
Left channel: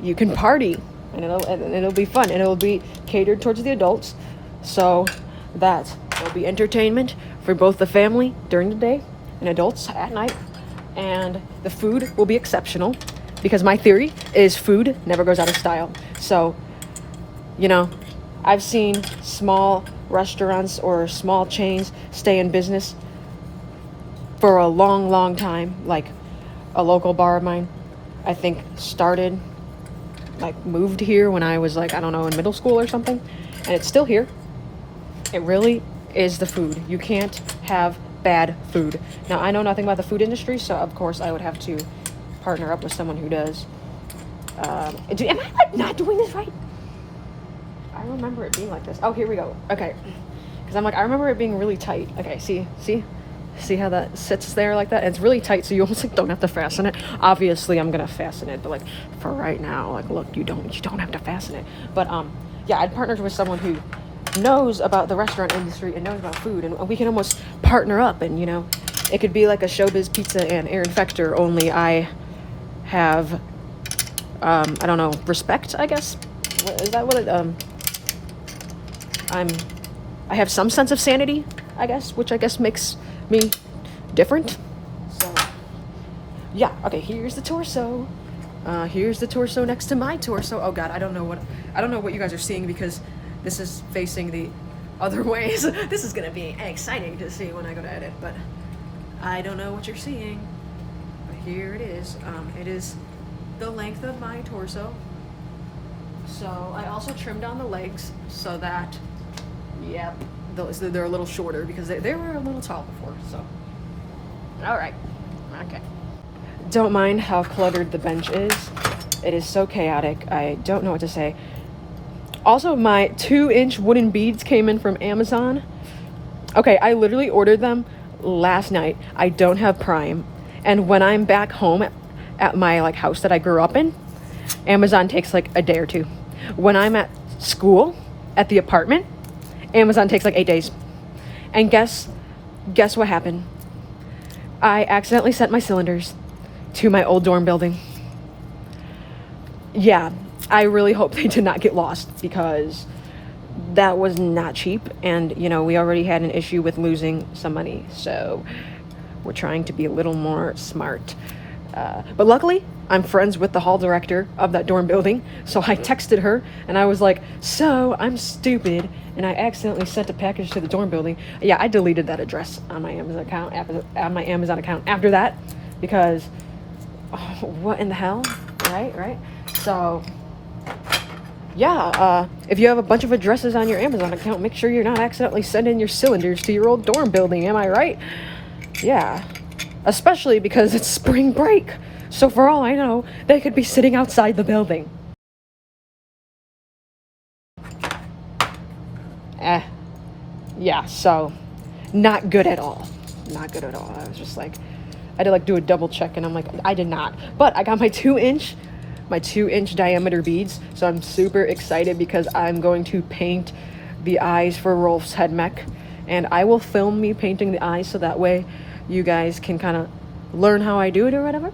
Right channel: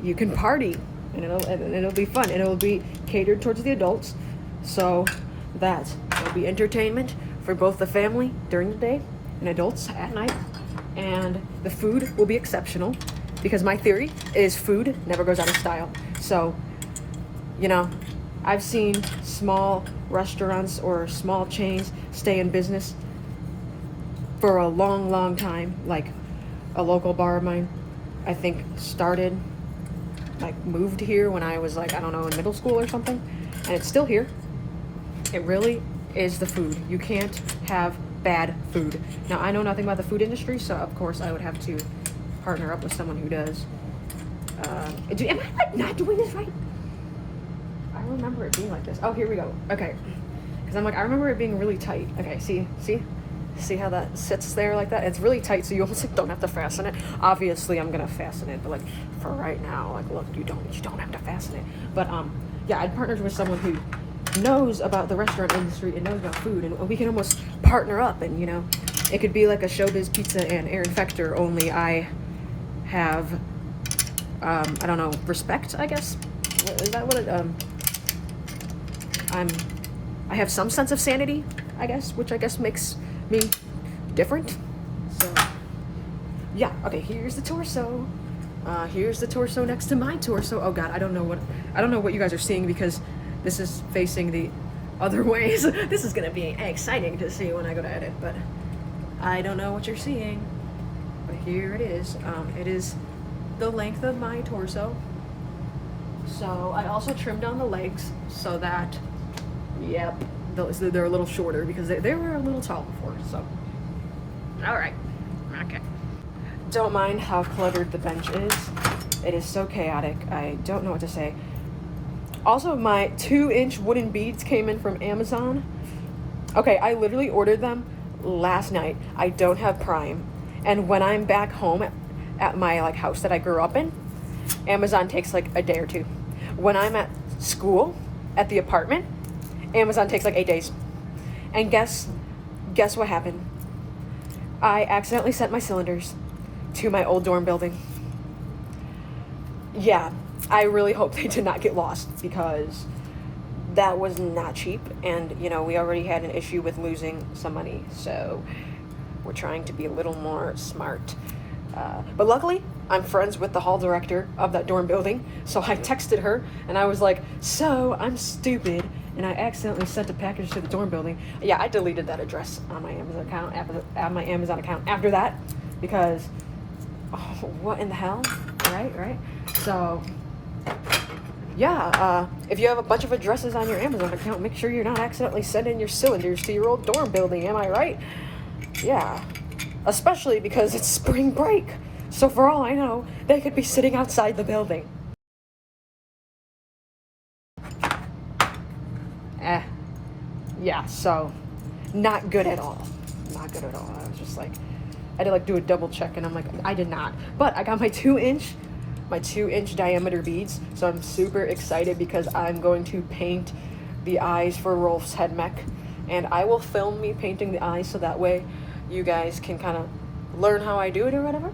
you can party, and it'll be fun, and it'll be catered towards the adults, so that it'll be entertainment for both the family during the day and adults at night. And the food will be exceptional, because my theory is food never goes out of style. So, you know, I've seen small restaurants or small chains stay in business for a long time. Like a local bar of mine, I think started, like moved here when I was like, I don't know, in middle school or something, and it's still here. It really is the food. You can't have bad food. Now, I know nothing about the food industry, so of course I would have to partner up with someone who does. Am I like not doing this right? I remember it being like this. Oh, here we go. Okay, because I'm like, I remember it being really tight. Okay, see how that sits there like that? And it's really tight, so you almost like don't have to fasten it. Obviously, I'm gonna fasten it, but like for right now, like look, you don't have to fasten it. But yeah, I'd partnered with someone who knows about the restaurant industry and knows about food, and we can almost partner up, and you know, it could be like a Showbiz Pizza and Aaron Fechter, only I have I don't know, respect, I guess. Is that what it I have some sense of sanity, I guess, which I guess makes me different. So yeah, okay, here's the torso. Here's the torso next to my torso. Oh god, I don't know what you guys are seeing, because this is facing the other ways. This is gonna be exciting to see when I go to edit, but I don't know what you're seeing. But here it is. It is the length of my torso. So I also trimmed down the legs so that, yep, they're a little shorter, because they were a little tall before. So, all right, okay. Don't mind how cluttered the bench is. It is so chaotic. I don't know what to say. Also, my 2-inch wooden beads came in from Amazon. Okay, I literally ordered them last night. I don't have Prime, and when I'm back home at my like house that I grew up in, Amazon takes like a day or two. When I'm at school at the apartment, Amazon takes like 8 days. And guess what happened? I accidentally sent my cylinders to my old dorm building. Yeah, I really hope they did not get lost, because that was not cheap, and you know, we already had an issue with losing some money, so we're trying to be a little more smart. But luckily, I'm friends with the hall director of that dorm building, so I texted her and I was like, so I'm stupid and I accidentally sent a package to the dorm building. Yeah, I deleted that address on my Amazon account after that, because what in the hell, right? So yeah, if you have a bunch of addresses on your Amazon account, make sure you're not accidentally sending your cylinders to your old dorm building, am I right? Yeah, especially because it's spring break, so for all I know, they could be sitting outside the building. Yeah, so not good at all. I was just like, I had to like do a double check, and I'm like, I did not. But I got my 2-inch diameter beads, so I'm super excited because I'm going to paint the eyes for Rolf's head mech, and I will film me painting the eyes so that way you guys can kind of learn how I do it or whatever.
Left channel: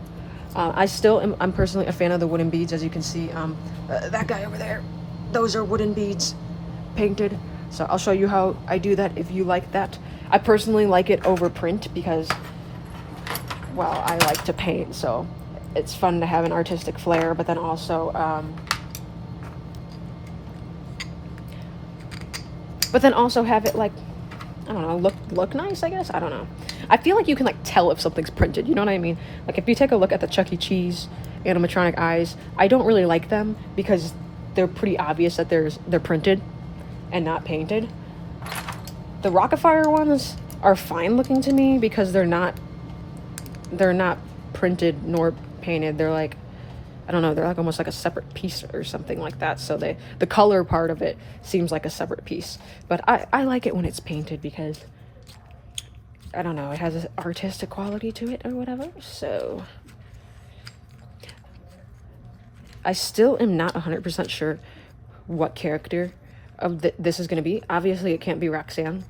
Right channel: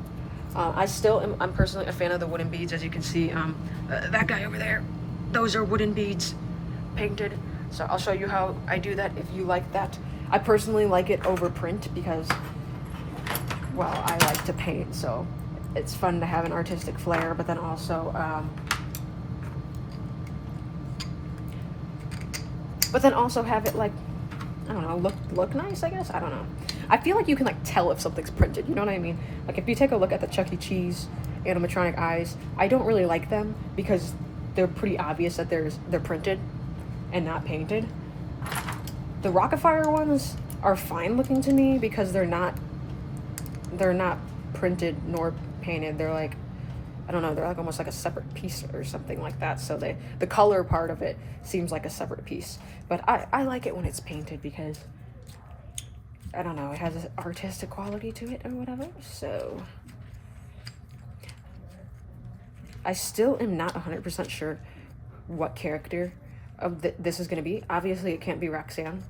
I'm personally a fan of the wooden beads, as you can see. That guy over there, those are wooden beads painted. So I'll show you how I do that if you like that. I personally like it over print because, well, I like to paint, so it's fun to have an artistic flair, but then also, have it like, I don't know, look nice, I guess? I don't know. I feel like you can like tell if something's printed, you know what I mean? Like if you take a look at the Chuck E. Cheese animatronic eyes, I don't really like them because they're pretty obvious that they're printed and not painted. The Rock-afire ones are fine looking to me because they're not printed nor painted. They're like, I don't know, they're like almost like a separate piece or something like that. So the color part of it seems like a separate piece. But I like it when it's painted because, I don't know, it has an artistic quality to it or whatever. So I still am not 100% sure what character of this is going to be. Obviously, it can't be Roxanne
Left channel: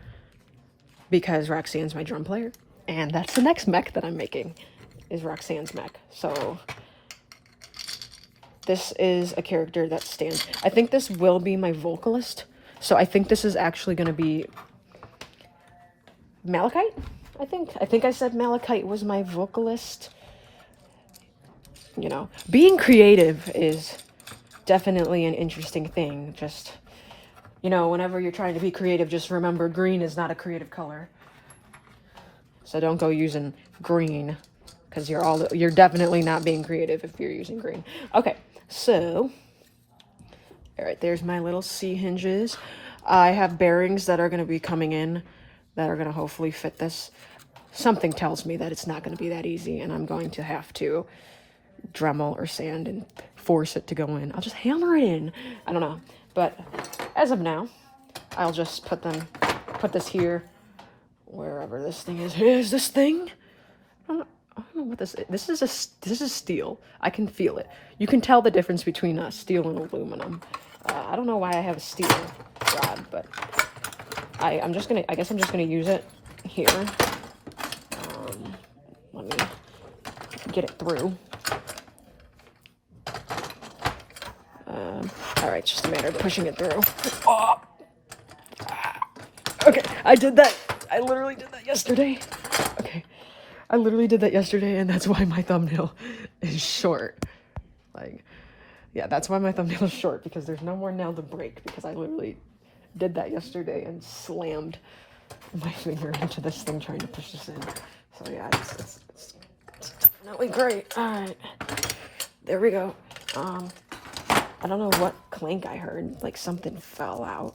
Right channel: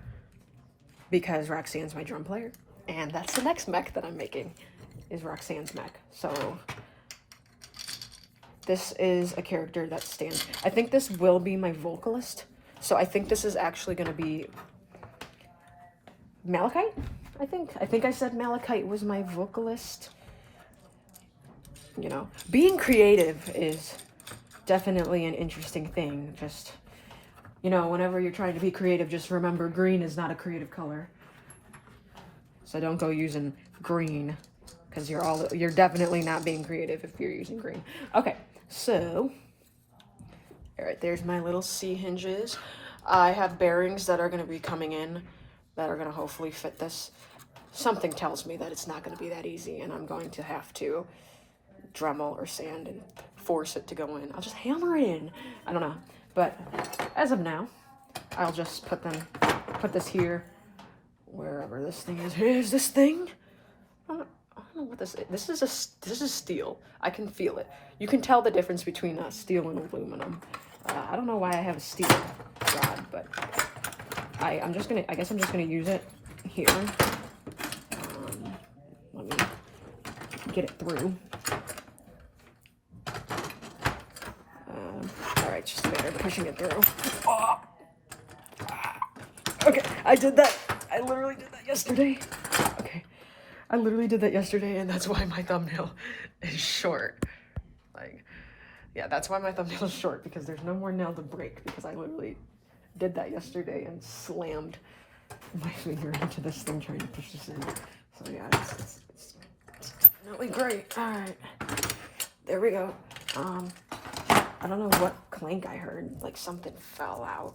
because Roxanne's my drum player, and that's the next mech that I'm making, is Roxanne's mech. So this is a character that stands. I think this will be my vocalist. So I think this is actually going to be Malachite. I think I said Malachite was my vocalist. You know, being creative is definitely an interesting thing. Just, you know, whenever you're trying to be creative, just remember green is not a creative color. So don't go using green, because you're definitely not being creative if you're using green. Okay, so all right, there's my little C hinges. I have bearings that are going to be coming in that are going to hopefully fit this. Something tells me that it's not going to be that easy, and I'm going to have to Dremel or sand and force it to go in. I'll just hammer it in. I don't know. But as of now, I'll just put this here, wherever this thing is. Here's this thing. I don't know what this is. This is steel. I can feel it. You can tell the difference between steel and aluminum. I don't know why I have a steel rod, but I guess I'm just gonna use it here. Let me get it through. All right, just a matter of pushing it through. Oh. Okay, I did that. I literally did that yesterday. Okay, I literally did that yesterday, and that's why my thumbnail is short. Like, yeah, that's why my thumbnail is short, because there's no more nail to break, because I literally did that yesterday and slammed my finger into this thing trying to push this in. So yeah, it's definitely great. All right, there we go. I don't know what clank I heard, like something fell out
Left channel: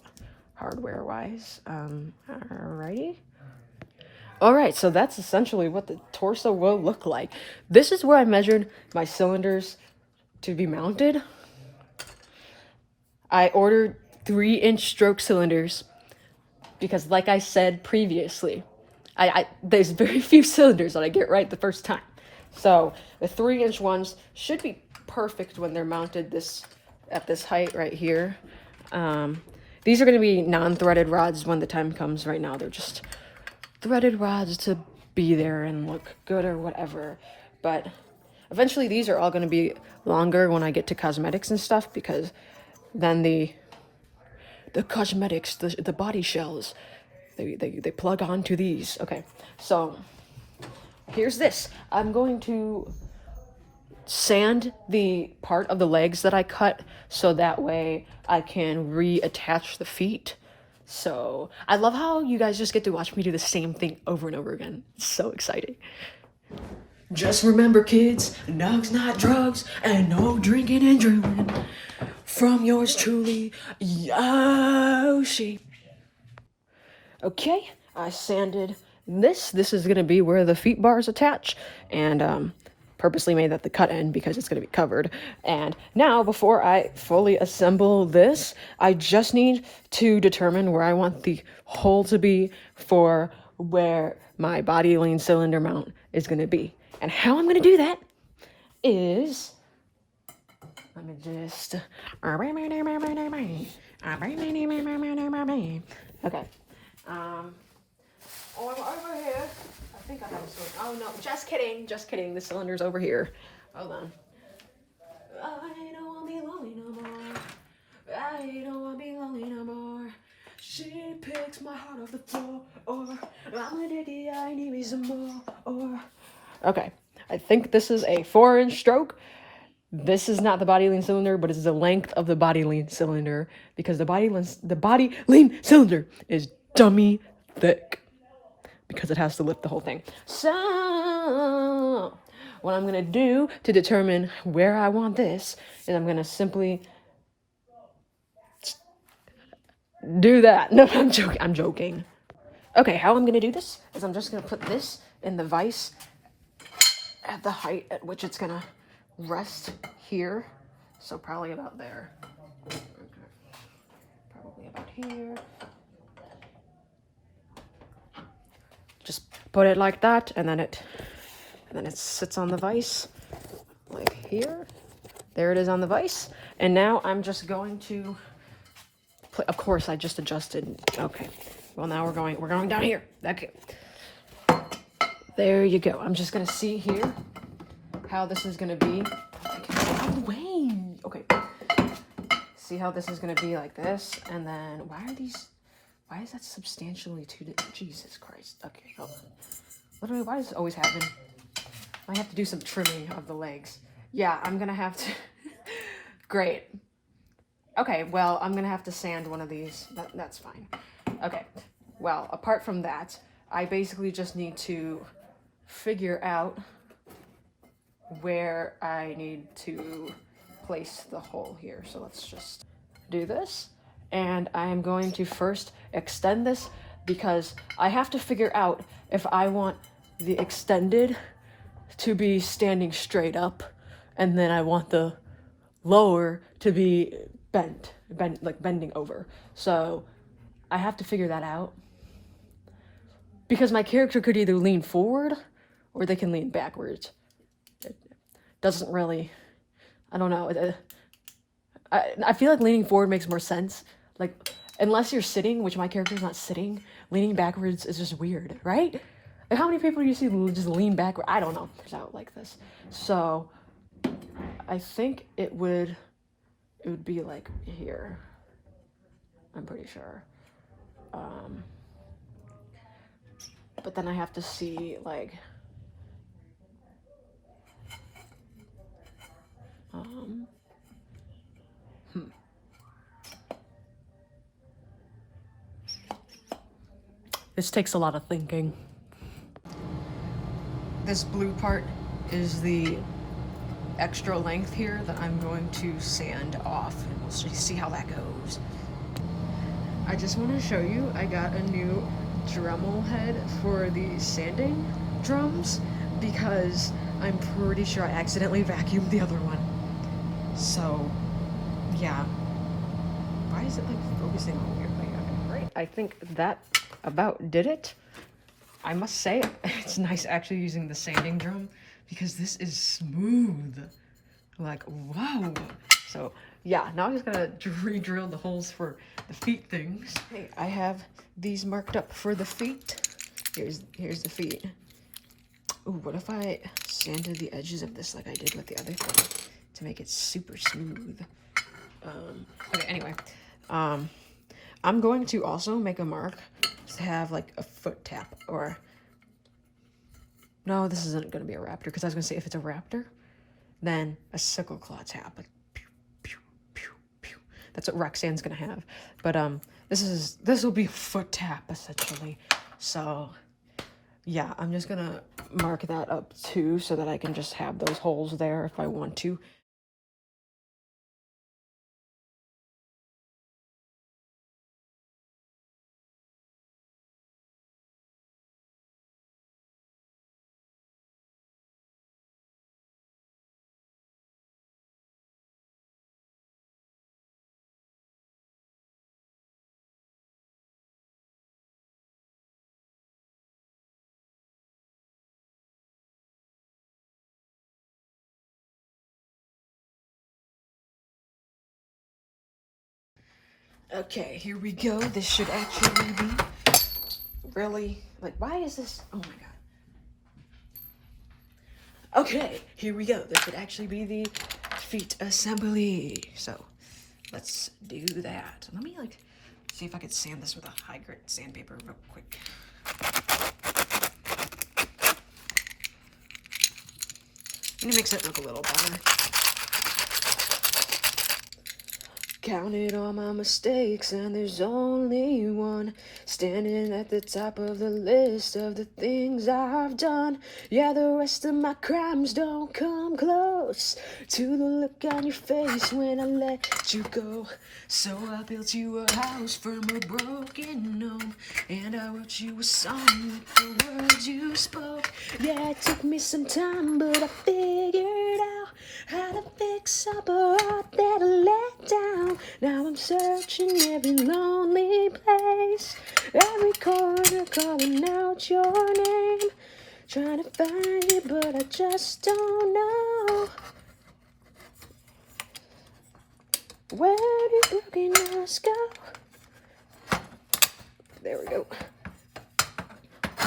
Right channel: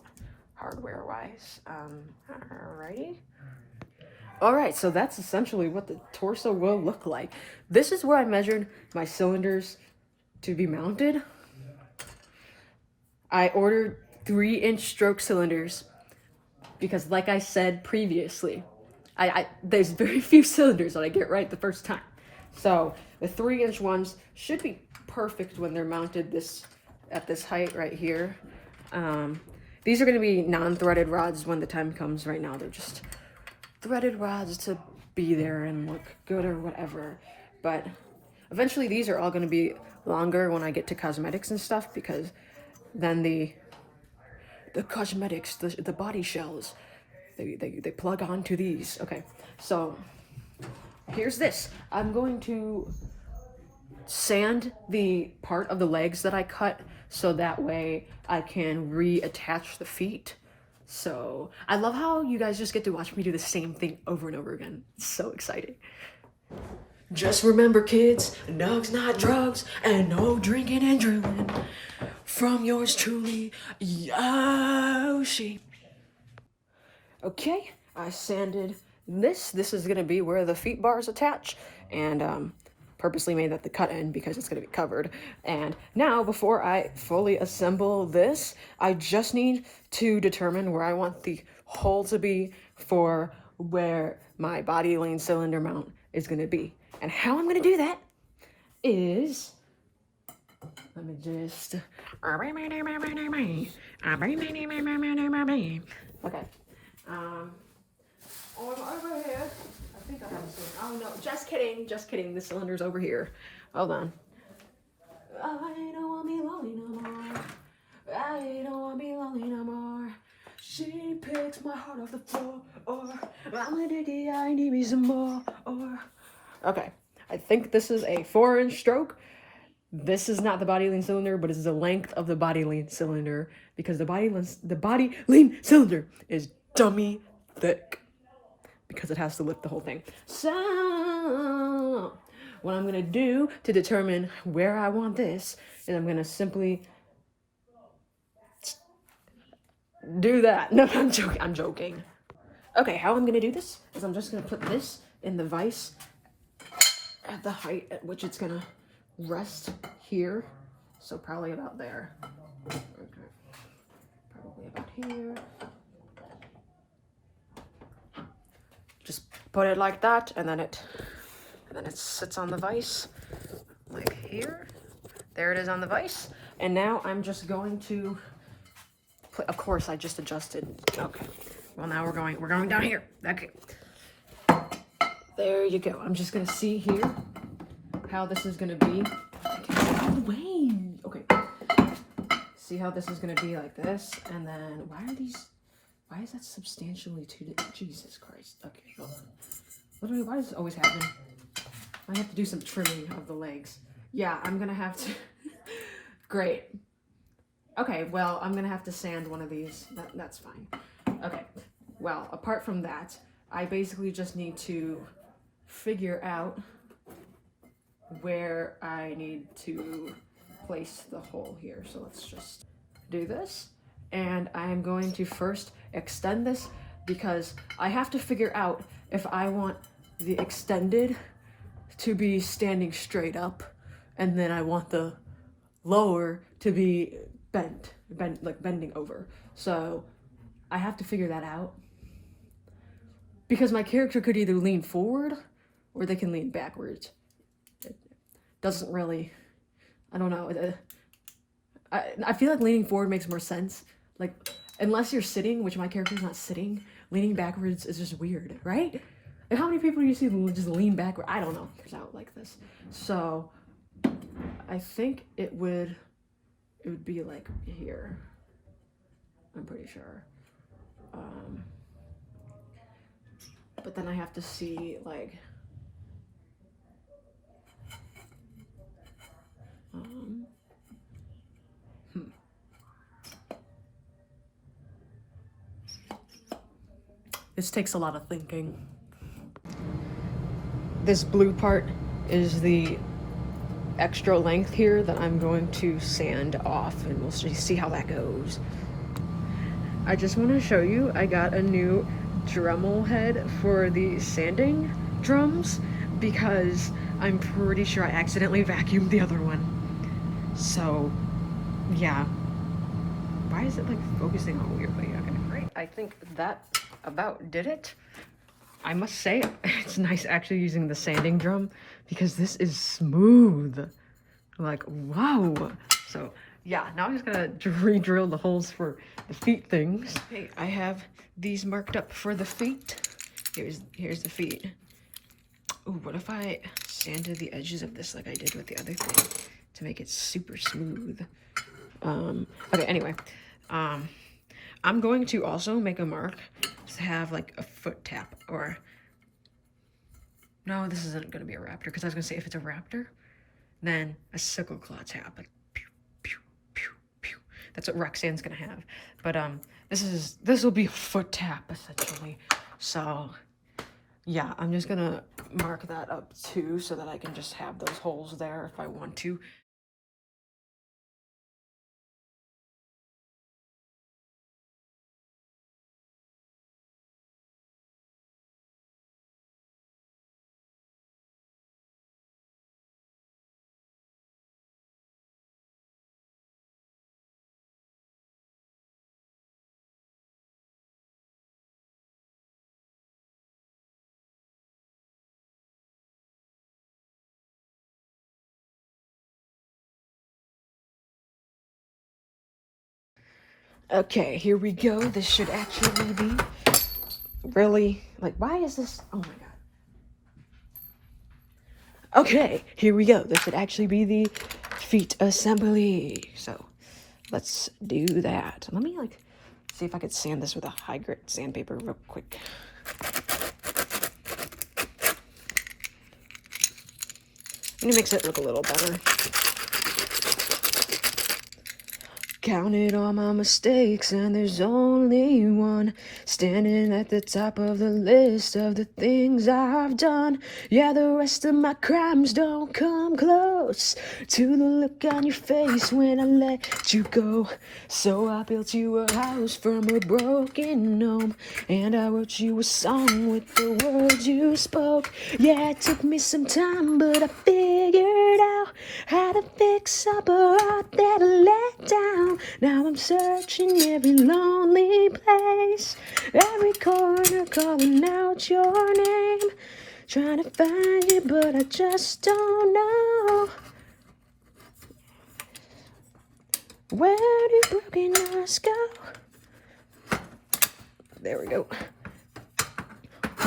hardware-wise. Alrighty. Alright, so that's essentially what the torso will look like. This is where I measured my cylinders to be mounted. I ordered 3-inch stroke cylinders because, like I said previously, there's very few cylinders that I get right the first time. So the 3-inch ones should be perfect when they're mounted at this height right here. These are going to be non-threaded rods when the time comes. Right now they're just threaded rods to be there and look good or whatever. But eventually these are all going to be longer when I get to cosmetics and stuff, because then the cosmetics, the body shells, they plug onto these. Okay, so here's this. I'm going to sand the part of the legs that I cut so that way I can reattach the feet. So I love how you guys just get to watch me do the same thing over and over again. It's so exciting. Just remember, kids, nugs not drugs, and no drinking and drilling. From yours truly, Yoshi. Okay, I sanded this. This is gonna be where the feet bars attach, and purposely made that the cut end because it's going to be covered. And now, before I fully assemble this, I just need to determine where I want the hole to be for where my body lean cylinder mount is going to be. And how I'm going to do that is, let me just, okay, over here, I think I have a cylinder. Oh no, just kidding, the cylinder's over here. Hold on. I don't wanna be lonely no more. I don't wanna be lonely no more. She picks my heart off the floor. Or I'm addicted, I need me some more. Or okay, I think this is a 4-inch stroke. This is not the body lean cylinder, but it's the length of the body lean cylinder, because the body lean cylinder is dummy thick, because it has to lift the whole thing. So what I'm gonna do to determine where I want this is I'm gonna simply do that. No, I'm joking. Okay, how I'm gonna do this is I'm just gonna put this in the vise at the height at which it's gonna rest here. So probably about there. Okay. Probably about here. Just put it like that, and then it sits on the vise like here. There it is on the vise. And now I'm just going to of course I just adjusted. Okay. Well, now we're going down here. Okay. There you go. I'm just gonna see here how this is gonna be. Out of the way. Okay. See how this is gonna be like this, and then why is that substantially too, Jesus Christ. Okay, hold on. Literally, why does this always happen? I have to do some trimming of the legs. Yeah, I'm gonna have to, great. Okay, well, I'm gonna have to sand one of these, that's fine. Okay, well, apart from that, I basically just need to figure out where I need to place the hole here. So let's just do this. And I am going to first extend this because I have to figure out if I want the extended to be standing straight up, and then I want the lower to be like bending over. So I have to figure that out because my character could either lean forward or they can lean backwards. It doesn't really, I don't know. I feel like leaning forward makes more sense. Like, unless you're sitting, which my character's not sitting, leaning backwards is just weird, right? Like, how many people do you see just lean backward? I don't know. It's out like this. So I think it would be like here. I'm pretty sure. But then I have to see, like, This takes a lot of thinking. This blue part is the extra length here that I'm going to sand off, and we'll see how that goes. I just want to show you, I got a new Dremel head for the sanding drums because I'm pretty sure I accidentally vacuumed the other one. So, yeah. Why is it like focusing all weirdly? Okay, right. I think that about did it. I must say, it's nice actually using the sanding drum because this is smooth. Like, wow. So, yeah, now I'm just gonna re-drill the holes for the feet things. Okay, I have these marked up for the feet. Here's the feet. Ooh, what if I sanded the edges of this like I did with the other thing to make it super smooth? Okay, anyway, I'm going to also make a mark to have like a foot tap, or no, this isn't gonna be a raptor because I was gonna say if it's a raptor, then a sickle claw tap, like pew, pew, pew, pew. That's what Roxanne's gonna have. But this will be a foot tap essentially. So yeah, I'm just gonna mark that up too so that I can just have those holes there if I want to. Okay, here we go. This should actually be really, like, why is this? Oh my god. Okay, here we go. This should actually be the feet assembly. So let's do that. Let me like see if I could sand this with a high grit sandpaper real quick. I'm gonna makes it look a little better. Counted all my mistakes and there's only one standing at the top of the list of the things I've done. Yeah, the rest of my crimes don't come close to the look on your face when I let you go. So I built you a house from a broken home, and I wrote you a song with the words you spoke. Yeah, it took me some time, but I figured out how to fix up a heart that let down. Now I'm searching every lonely place, every corner calling out your name, trying to find you, but I just don't know. Where do broken hearts go? There we go.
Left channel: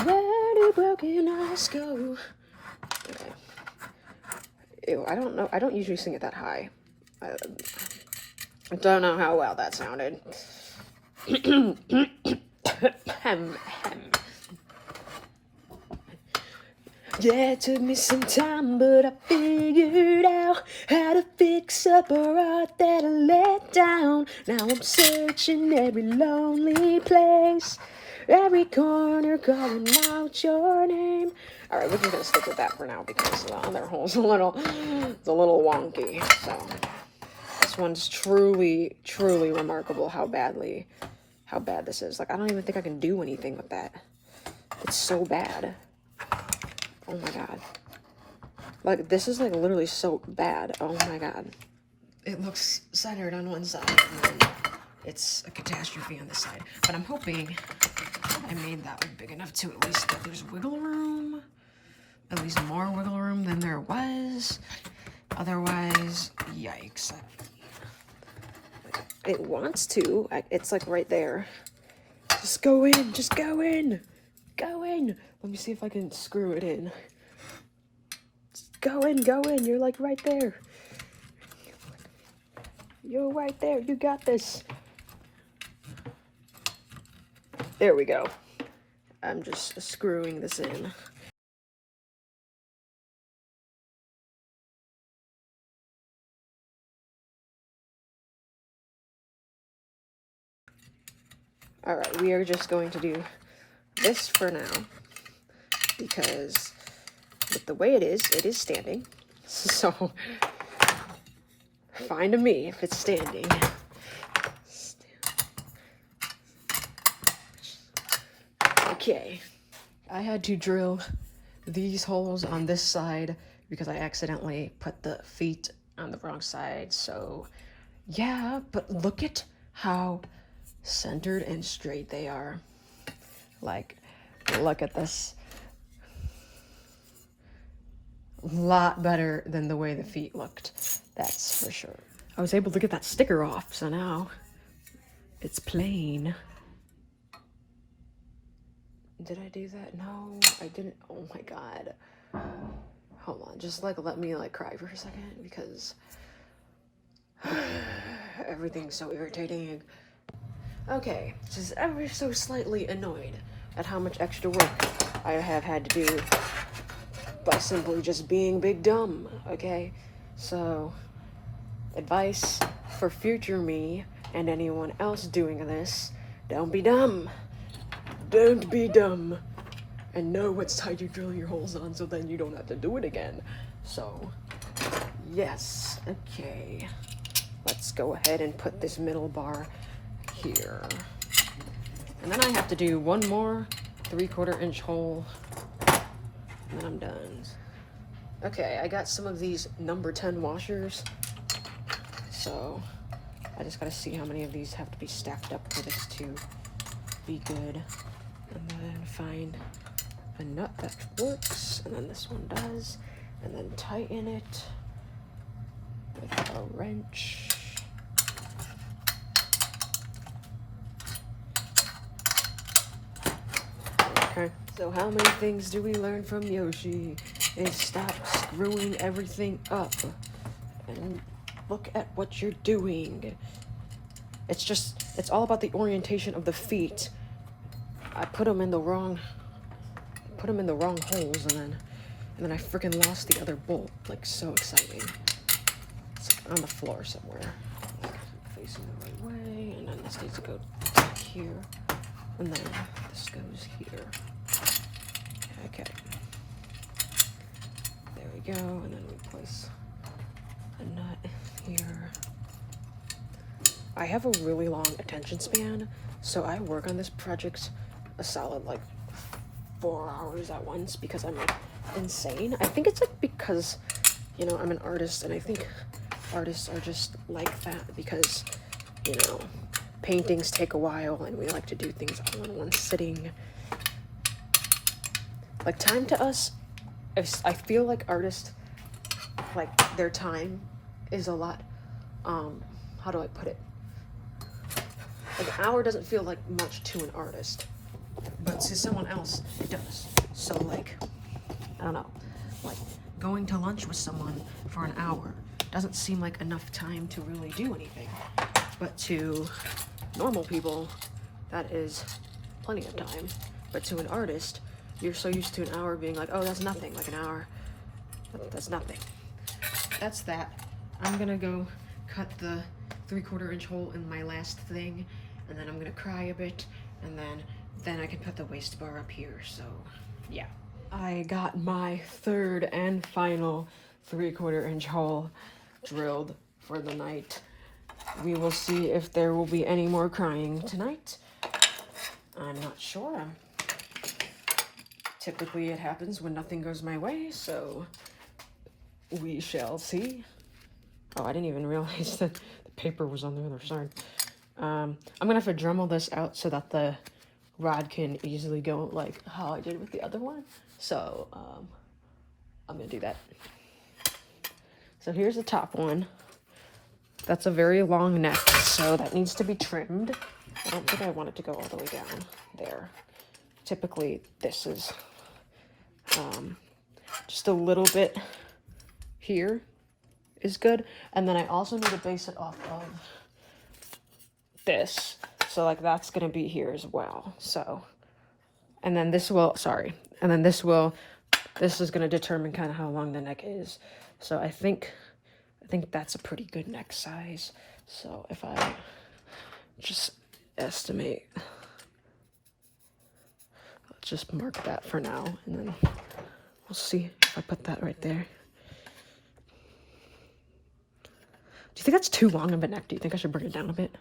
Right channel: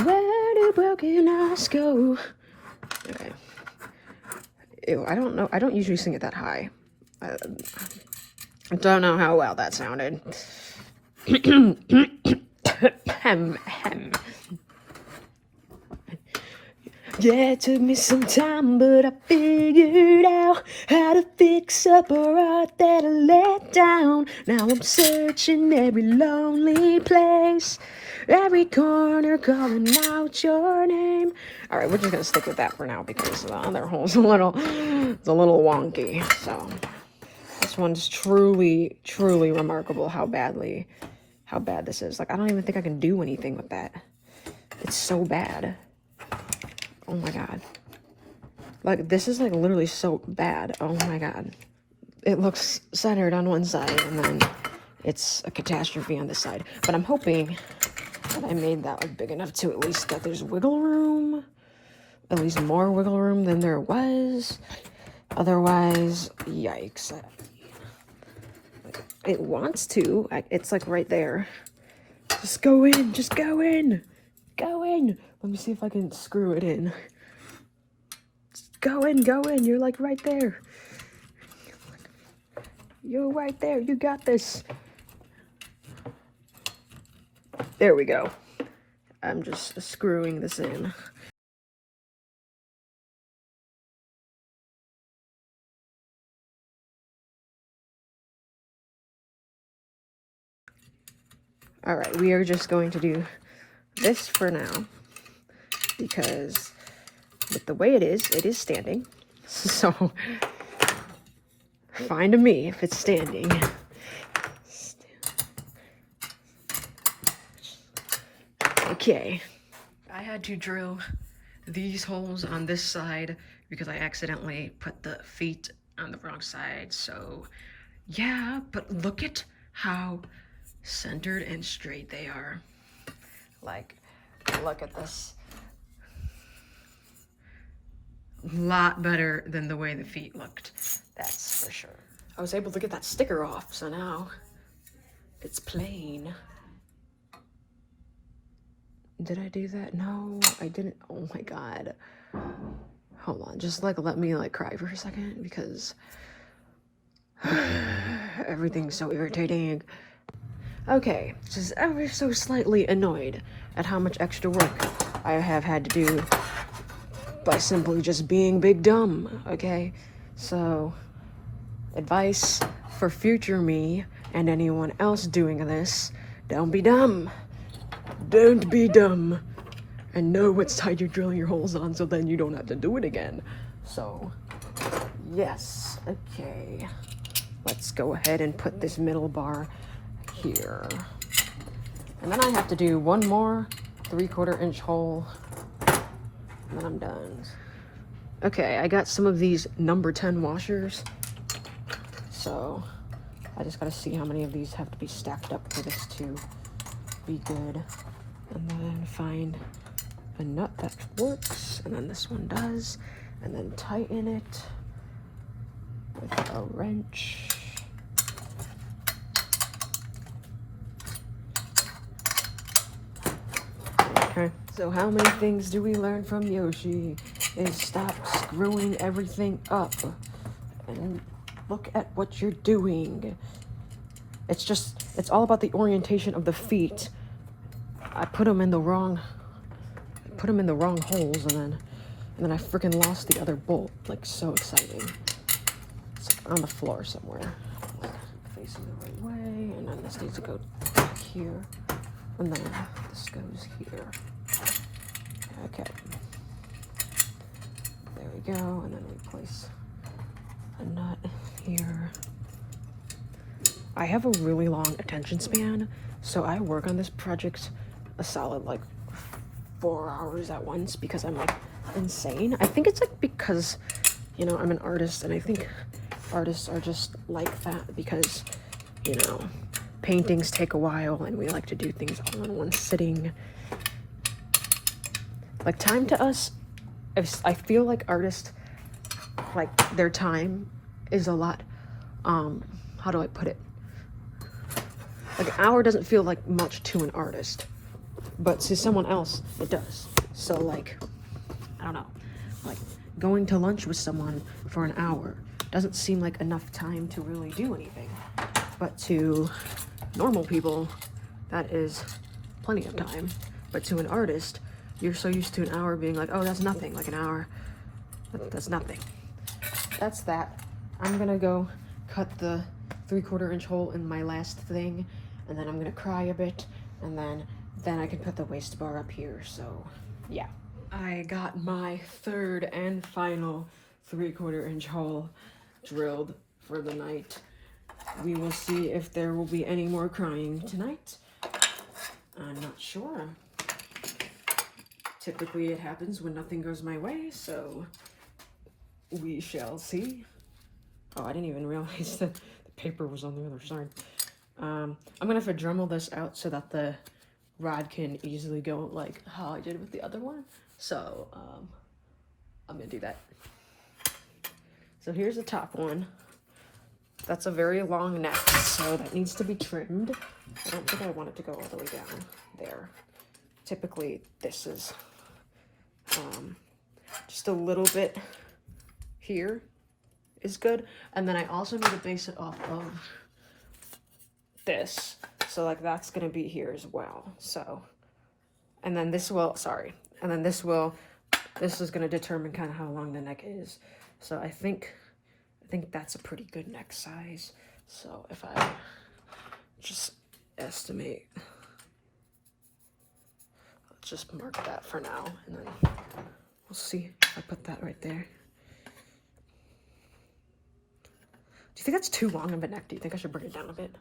Where do broken hearts go? Okay. Ew, I don't know. I don't usually sing it that high. I don't know how well that sounded. Yeah, it took me some time, but I figured out how to fix up a heart that I let down. Now I'm searching every lonely place, every corner calling out your name. All right, we're just gonna stick with that for now because the other hole's it's a little wonky. So this one's truly, truly remarkable how bad this is. Like, I don't even think I can do anything with that. It's so bad. Oh my god. Like, this is like literally so bad. Oh my god. It looks centered on one side and then it's a catastrophe on this side. But I'm hoping that I made that like big enough to at least that there's wiggle room. At least more wiggle room than there was. Otherwise, yikes. It wants to. It's like right there. Just go in. Just go in. Go in. Let me see if I can screw it in. Just go in. Go in. You're like right there. You're right there. You got this. There we go. I'm just screwing this in. Alright, we are just going to do this for now, because with the way it is standing, so fine to me if it's standing. Okay, I had to drill these holes on this side because I accidentally put the feet on the wrong side, so yeah, but look at how centered and straight they are. Like, look at this. A lot better than the way the feet looked, that's for sure. I was able to get that sticker off, so now it's plain. Did I do that? No, I didn't. Oh my god. Hold on, just like let me like cry for a second because everything's so irritating. Okay, just ever so slightly annoyed at how much extra work I have had to do by simply just being big dumb, okay? So, advice for future me and anyone else doing this, don't be dumb. Don't be dumb. And know what side you're drilling your holes on so then you don't have to do it again. So, yes, okay. Let's go ahead and put this middle bar here. And then I have to do one more 3/4 inch hole and then I'm done. Okay, I got some of these number 10 washers, so I just gotta see how many of these have to be stacked up for this to be good, and then find a nut that works, and then this one does, and then tighten it with a wrench. Okay. So how many things do we learn from Yoshi? Is stop screwing everything up and look at what you're doing. It's all about the orientation of the feet. I put them in the wrong holes, and then I freaking lost the other bolt. Like, so exciting. It's on the floor somewhere, facing the right way, and then this needs to go back here, and then this goes here. Okay. There we go, and then we place a nut here. I have a really long attention span, so I work on this project a solid like 4 hours at once because I'm like insane. I think it's like because, you know, I'm an artist, and I think artists are just like that because, you know, paintings take a while and we like to do things all in one sitting. Like, time to us, I feel like artists, like, their time is a lot, how do I put it? Like an hour doesn't feel like much to an artist, but to someone else, it does. So like, I don't know, like going to lunch with someone for an hour doesn't seem like enough time to really do anything. But to normal people, that is plenty of time. But to an artist, you're so used to an hour being like, oh, that's nothing, like an hour, that's nothing. That's that. I'm gonna go cut the 3/4 inch hole in my last thing, and then I'm gonna cry a bit, and then I can put the waist bar up here, so yeah. I got my third and final 3/4 inch hole drilled for the night. We will see if there will be any more crying tonight. I'm not sure. Typically it happens when nothing goes my way, so we shall see. Oh, I didn't even realize that the paper was on the other side. I'm gonna have to Dremel this out so that the rod can easily go like how I did with the other one. So I'm gonna do that. So here's the top one. That's a very long neck, so that needs to be trimmed. I don't think I want it to go all the way down there. Typically this is just a little bit here is good. And then I also need to base it off of this. So like that's gonna be here as well. So, and then this will, and then this is gonna determine kind of how long the neck is. So I think that's a pretty good neck size. So if I just estimate, let's just mark that for now, and then we'll see if I put that right there. Do you think that's too long of a neck? Do you think I should bring it down a bit?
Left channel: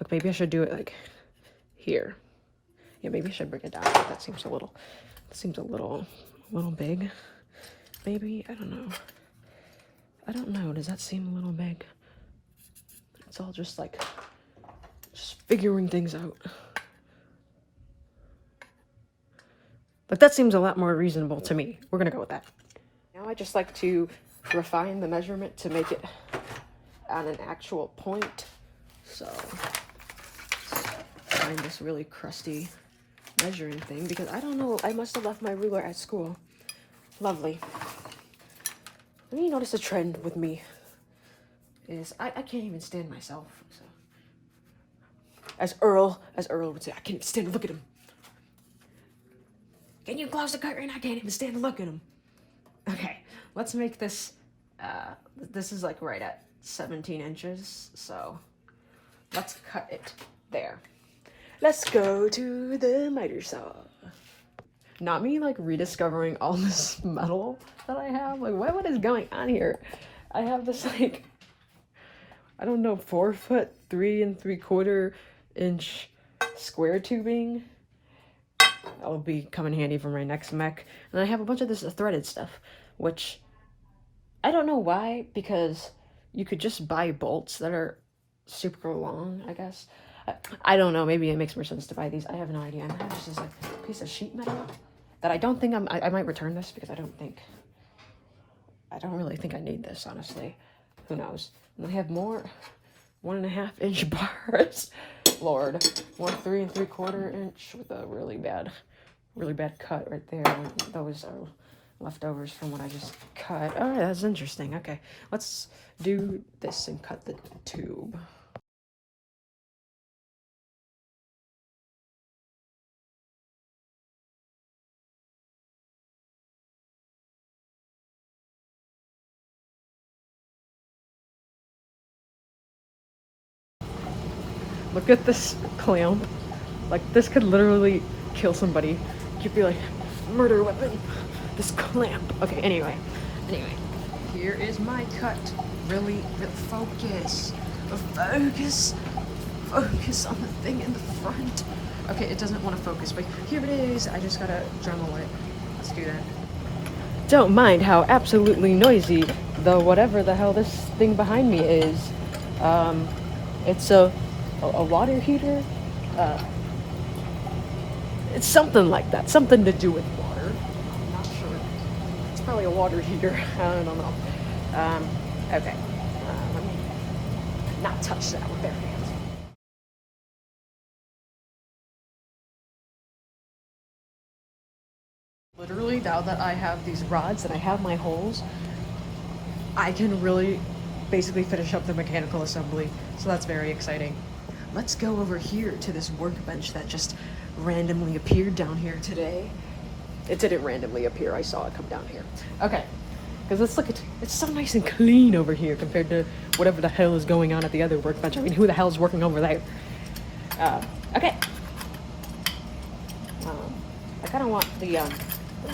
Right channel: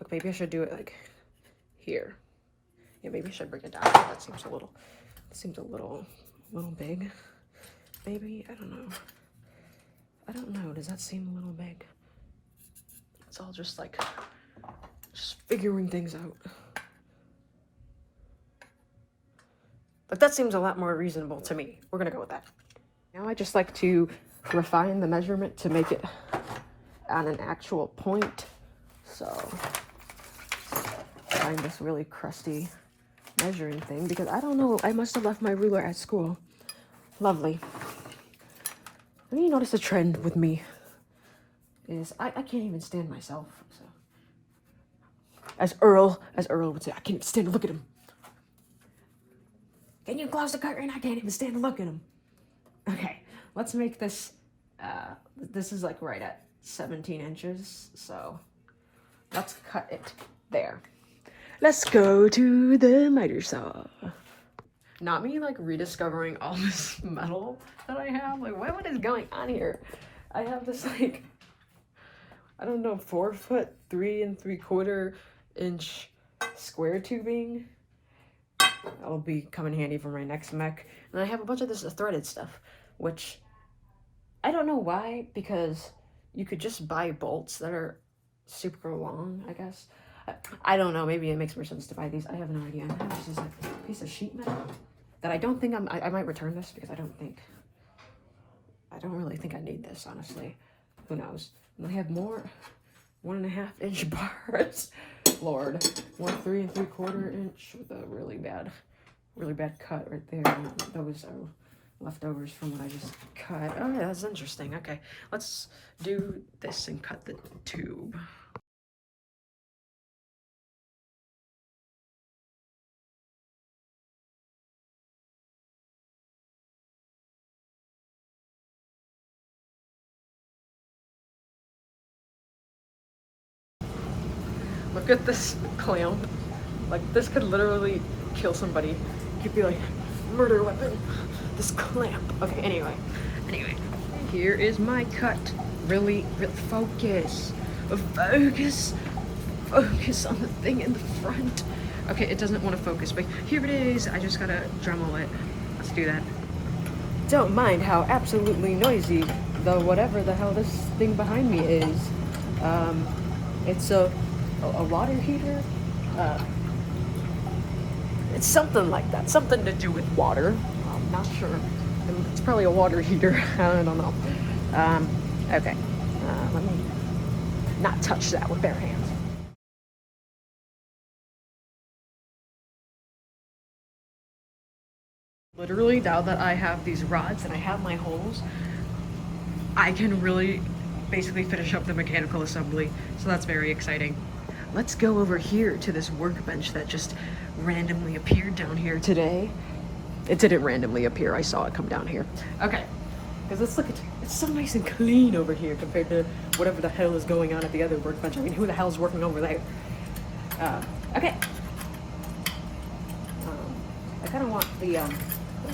Like maybe I should do it like here. Yeah, maybe I should bring it down. That seems a little big. Maybe, I don't know. I don't know, does that seem a little big? It's all just like, just figuring things out. But that seems a lot more reasonable to me. We're gonna go with that. Now I just like to refine the measurement to make it at an actual point. So, find this really crusty measuring thing because I don't know, I must have left my ruler at school. Lovely. When you notice a trend with me is I can't even stand myself. So. As Earl would say, I can't stand to look at him. Can you close the curtain? I can't even stand to look at him. Okay, let's make this, this is like right at 17 inches, so let's cut it there. Let's go to the miter saw. Not me like rediscovering all this metal that I have. Like what is going on here? I have this like, I don't know, 4 foot 3 3/4 inch square tubing. That'll be come in handy for my next mech. And I have a bunch of this threaded stuff, which I don't know why, because you could just buy bolts that are super long, I guess. I don't know, maybe it makes more sense to buy these. I have no idea. I have just this like piece of sheet metal that I don't think I might return this because I don't really think I need this, honestly. Who knows? And I have more 1.5 inch bars. Lord, 1 3 3/4 inch with a really bad cut right there. Those are leftovers from what I just cut. Oh, that's interesting. Okay, let's do this and cut the tube. Look at this clamp. Like, this could literally kill somebody. It could be like, murder weapon. This clamp. Okay, anyway. Here is my cut. Really focus. Focus on the thing in the front. Okay, it doesn't want to focus, but here it is. I just gotta Dremel it. Let's do that. Don't mind how absolutely noisy the whatever the hell this thing behind me is. It's a water heater. It's something like that. Something to do with water. I'm not sure. It's probably a water heater. I don't know. Okay. Not touch that with bare hands. Literally, now that I have these rods and I have my holes, I can really basically finish up the mechanical assembly. So that's very exciting. Let's go over here to this workbench that just randomly appeared down here today. It didn't randomly appear, I saw it come down here. Okay, because let's look at, it's so nice and clean over here compared to whatever the hell is going on at the other workbench. I mean, who the hell is working over there? Okay. I kind of want the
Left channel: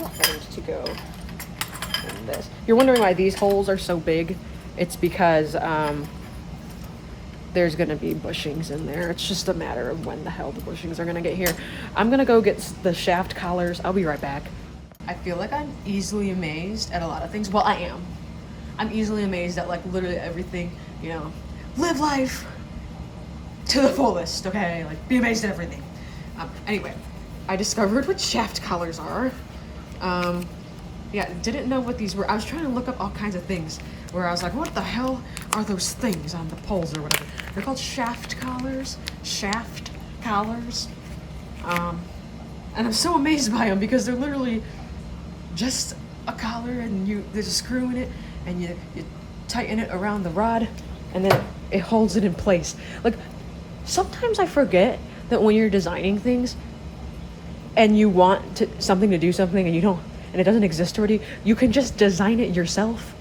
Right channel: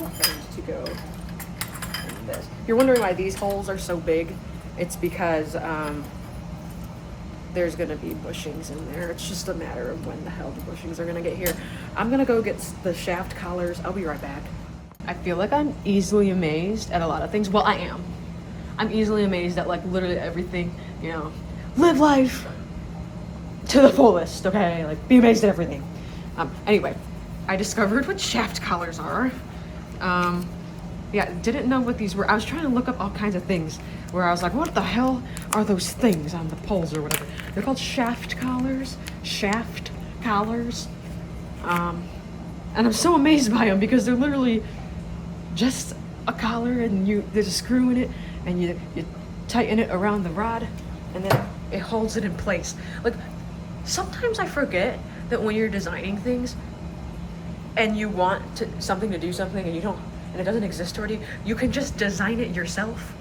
workbench to go in this. You're wondering why these holes are so big? It's because there's gonna be bushings in there. It's just a matter of when the hell the bushings are gonna get here. I'm gonna go get the shaft collars. I'll be right back. I feel like I'm easily amazed at a lot of things. Well, I am. I'm easily amazed at like literally everything, you know. Live life to the fullest, okay? Like be amazed at everything. Anyway, I discovered what shaft collars are. Yeah, didn't know what these were. I was trying to look up all kinds of things where I was like, what the hell are those things on the poles or whatever? They're called shaft collars. Shaft collars. And I'm so amazed by them because they're literally just a collar and there's a screw in it and you tighten it around the rod and then it holds it in place. Like, sometimes I forget that when you're designing things and you want something to do something and you don't, and it doesn't exist already, you can just design it yourself.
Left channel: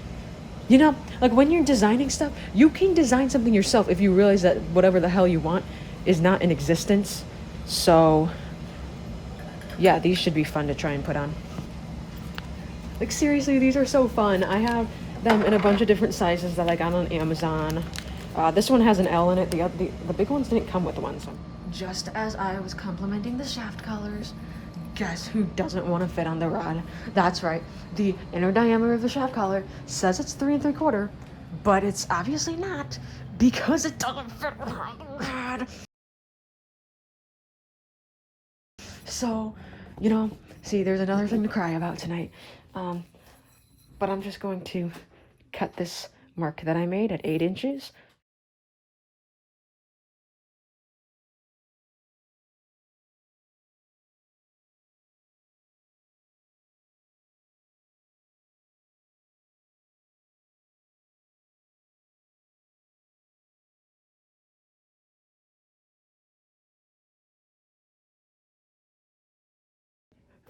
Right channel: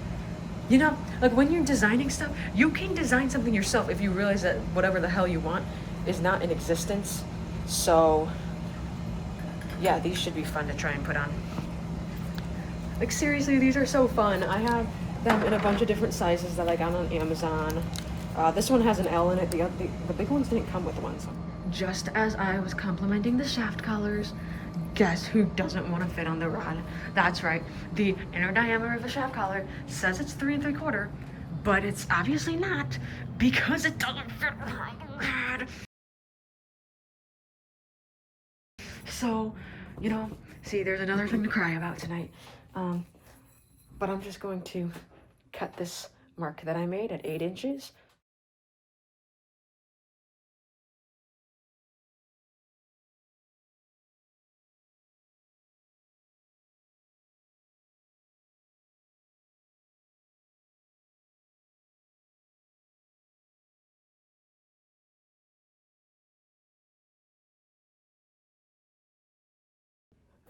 You know, like when you're designing stuff, you can design something yourself if you realize that whatever the hell you want is not in existence. So, yeah, these should be fun to try and put on. Like seriously, these are so fun. I have them in a bunch of different sizes that I got on Amazon. This one has an L in it. The big ones didn't come with one. So. Just as I was complimenting the shaft collars, guess who doesn't want to fit on the rod? That's right. The inner diameter of the shaft collar says it's 3 3/4, but it's obviously not because it doesn't fit on the rod. So, you know, see, there's another thing to cry about tonight. But I'm just going to cut this mark that I made at 8 inches.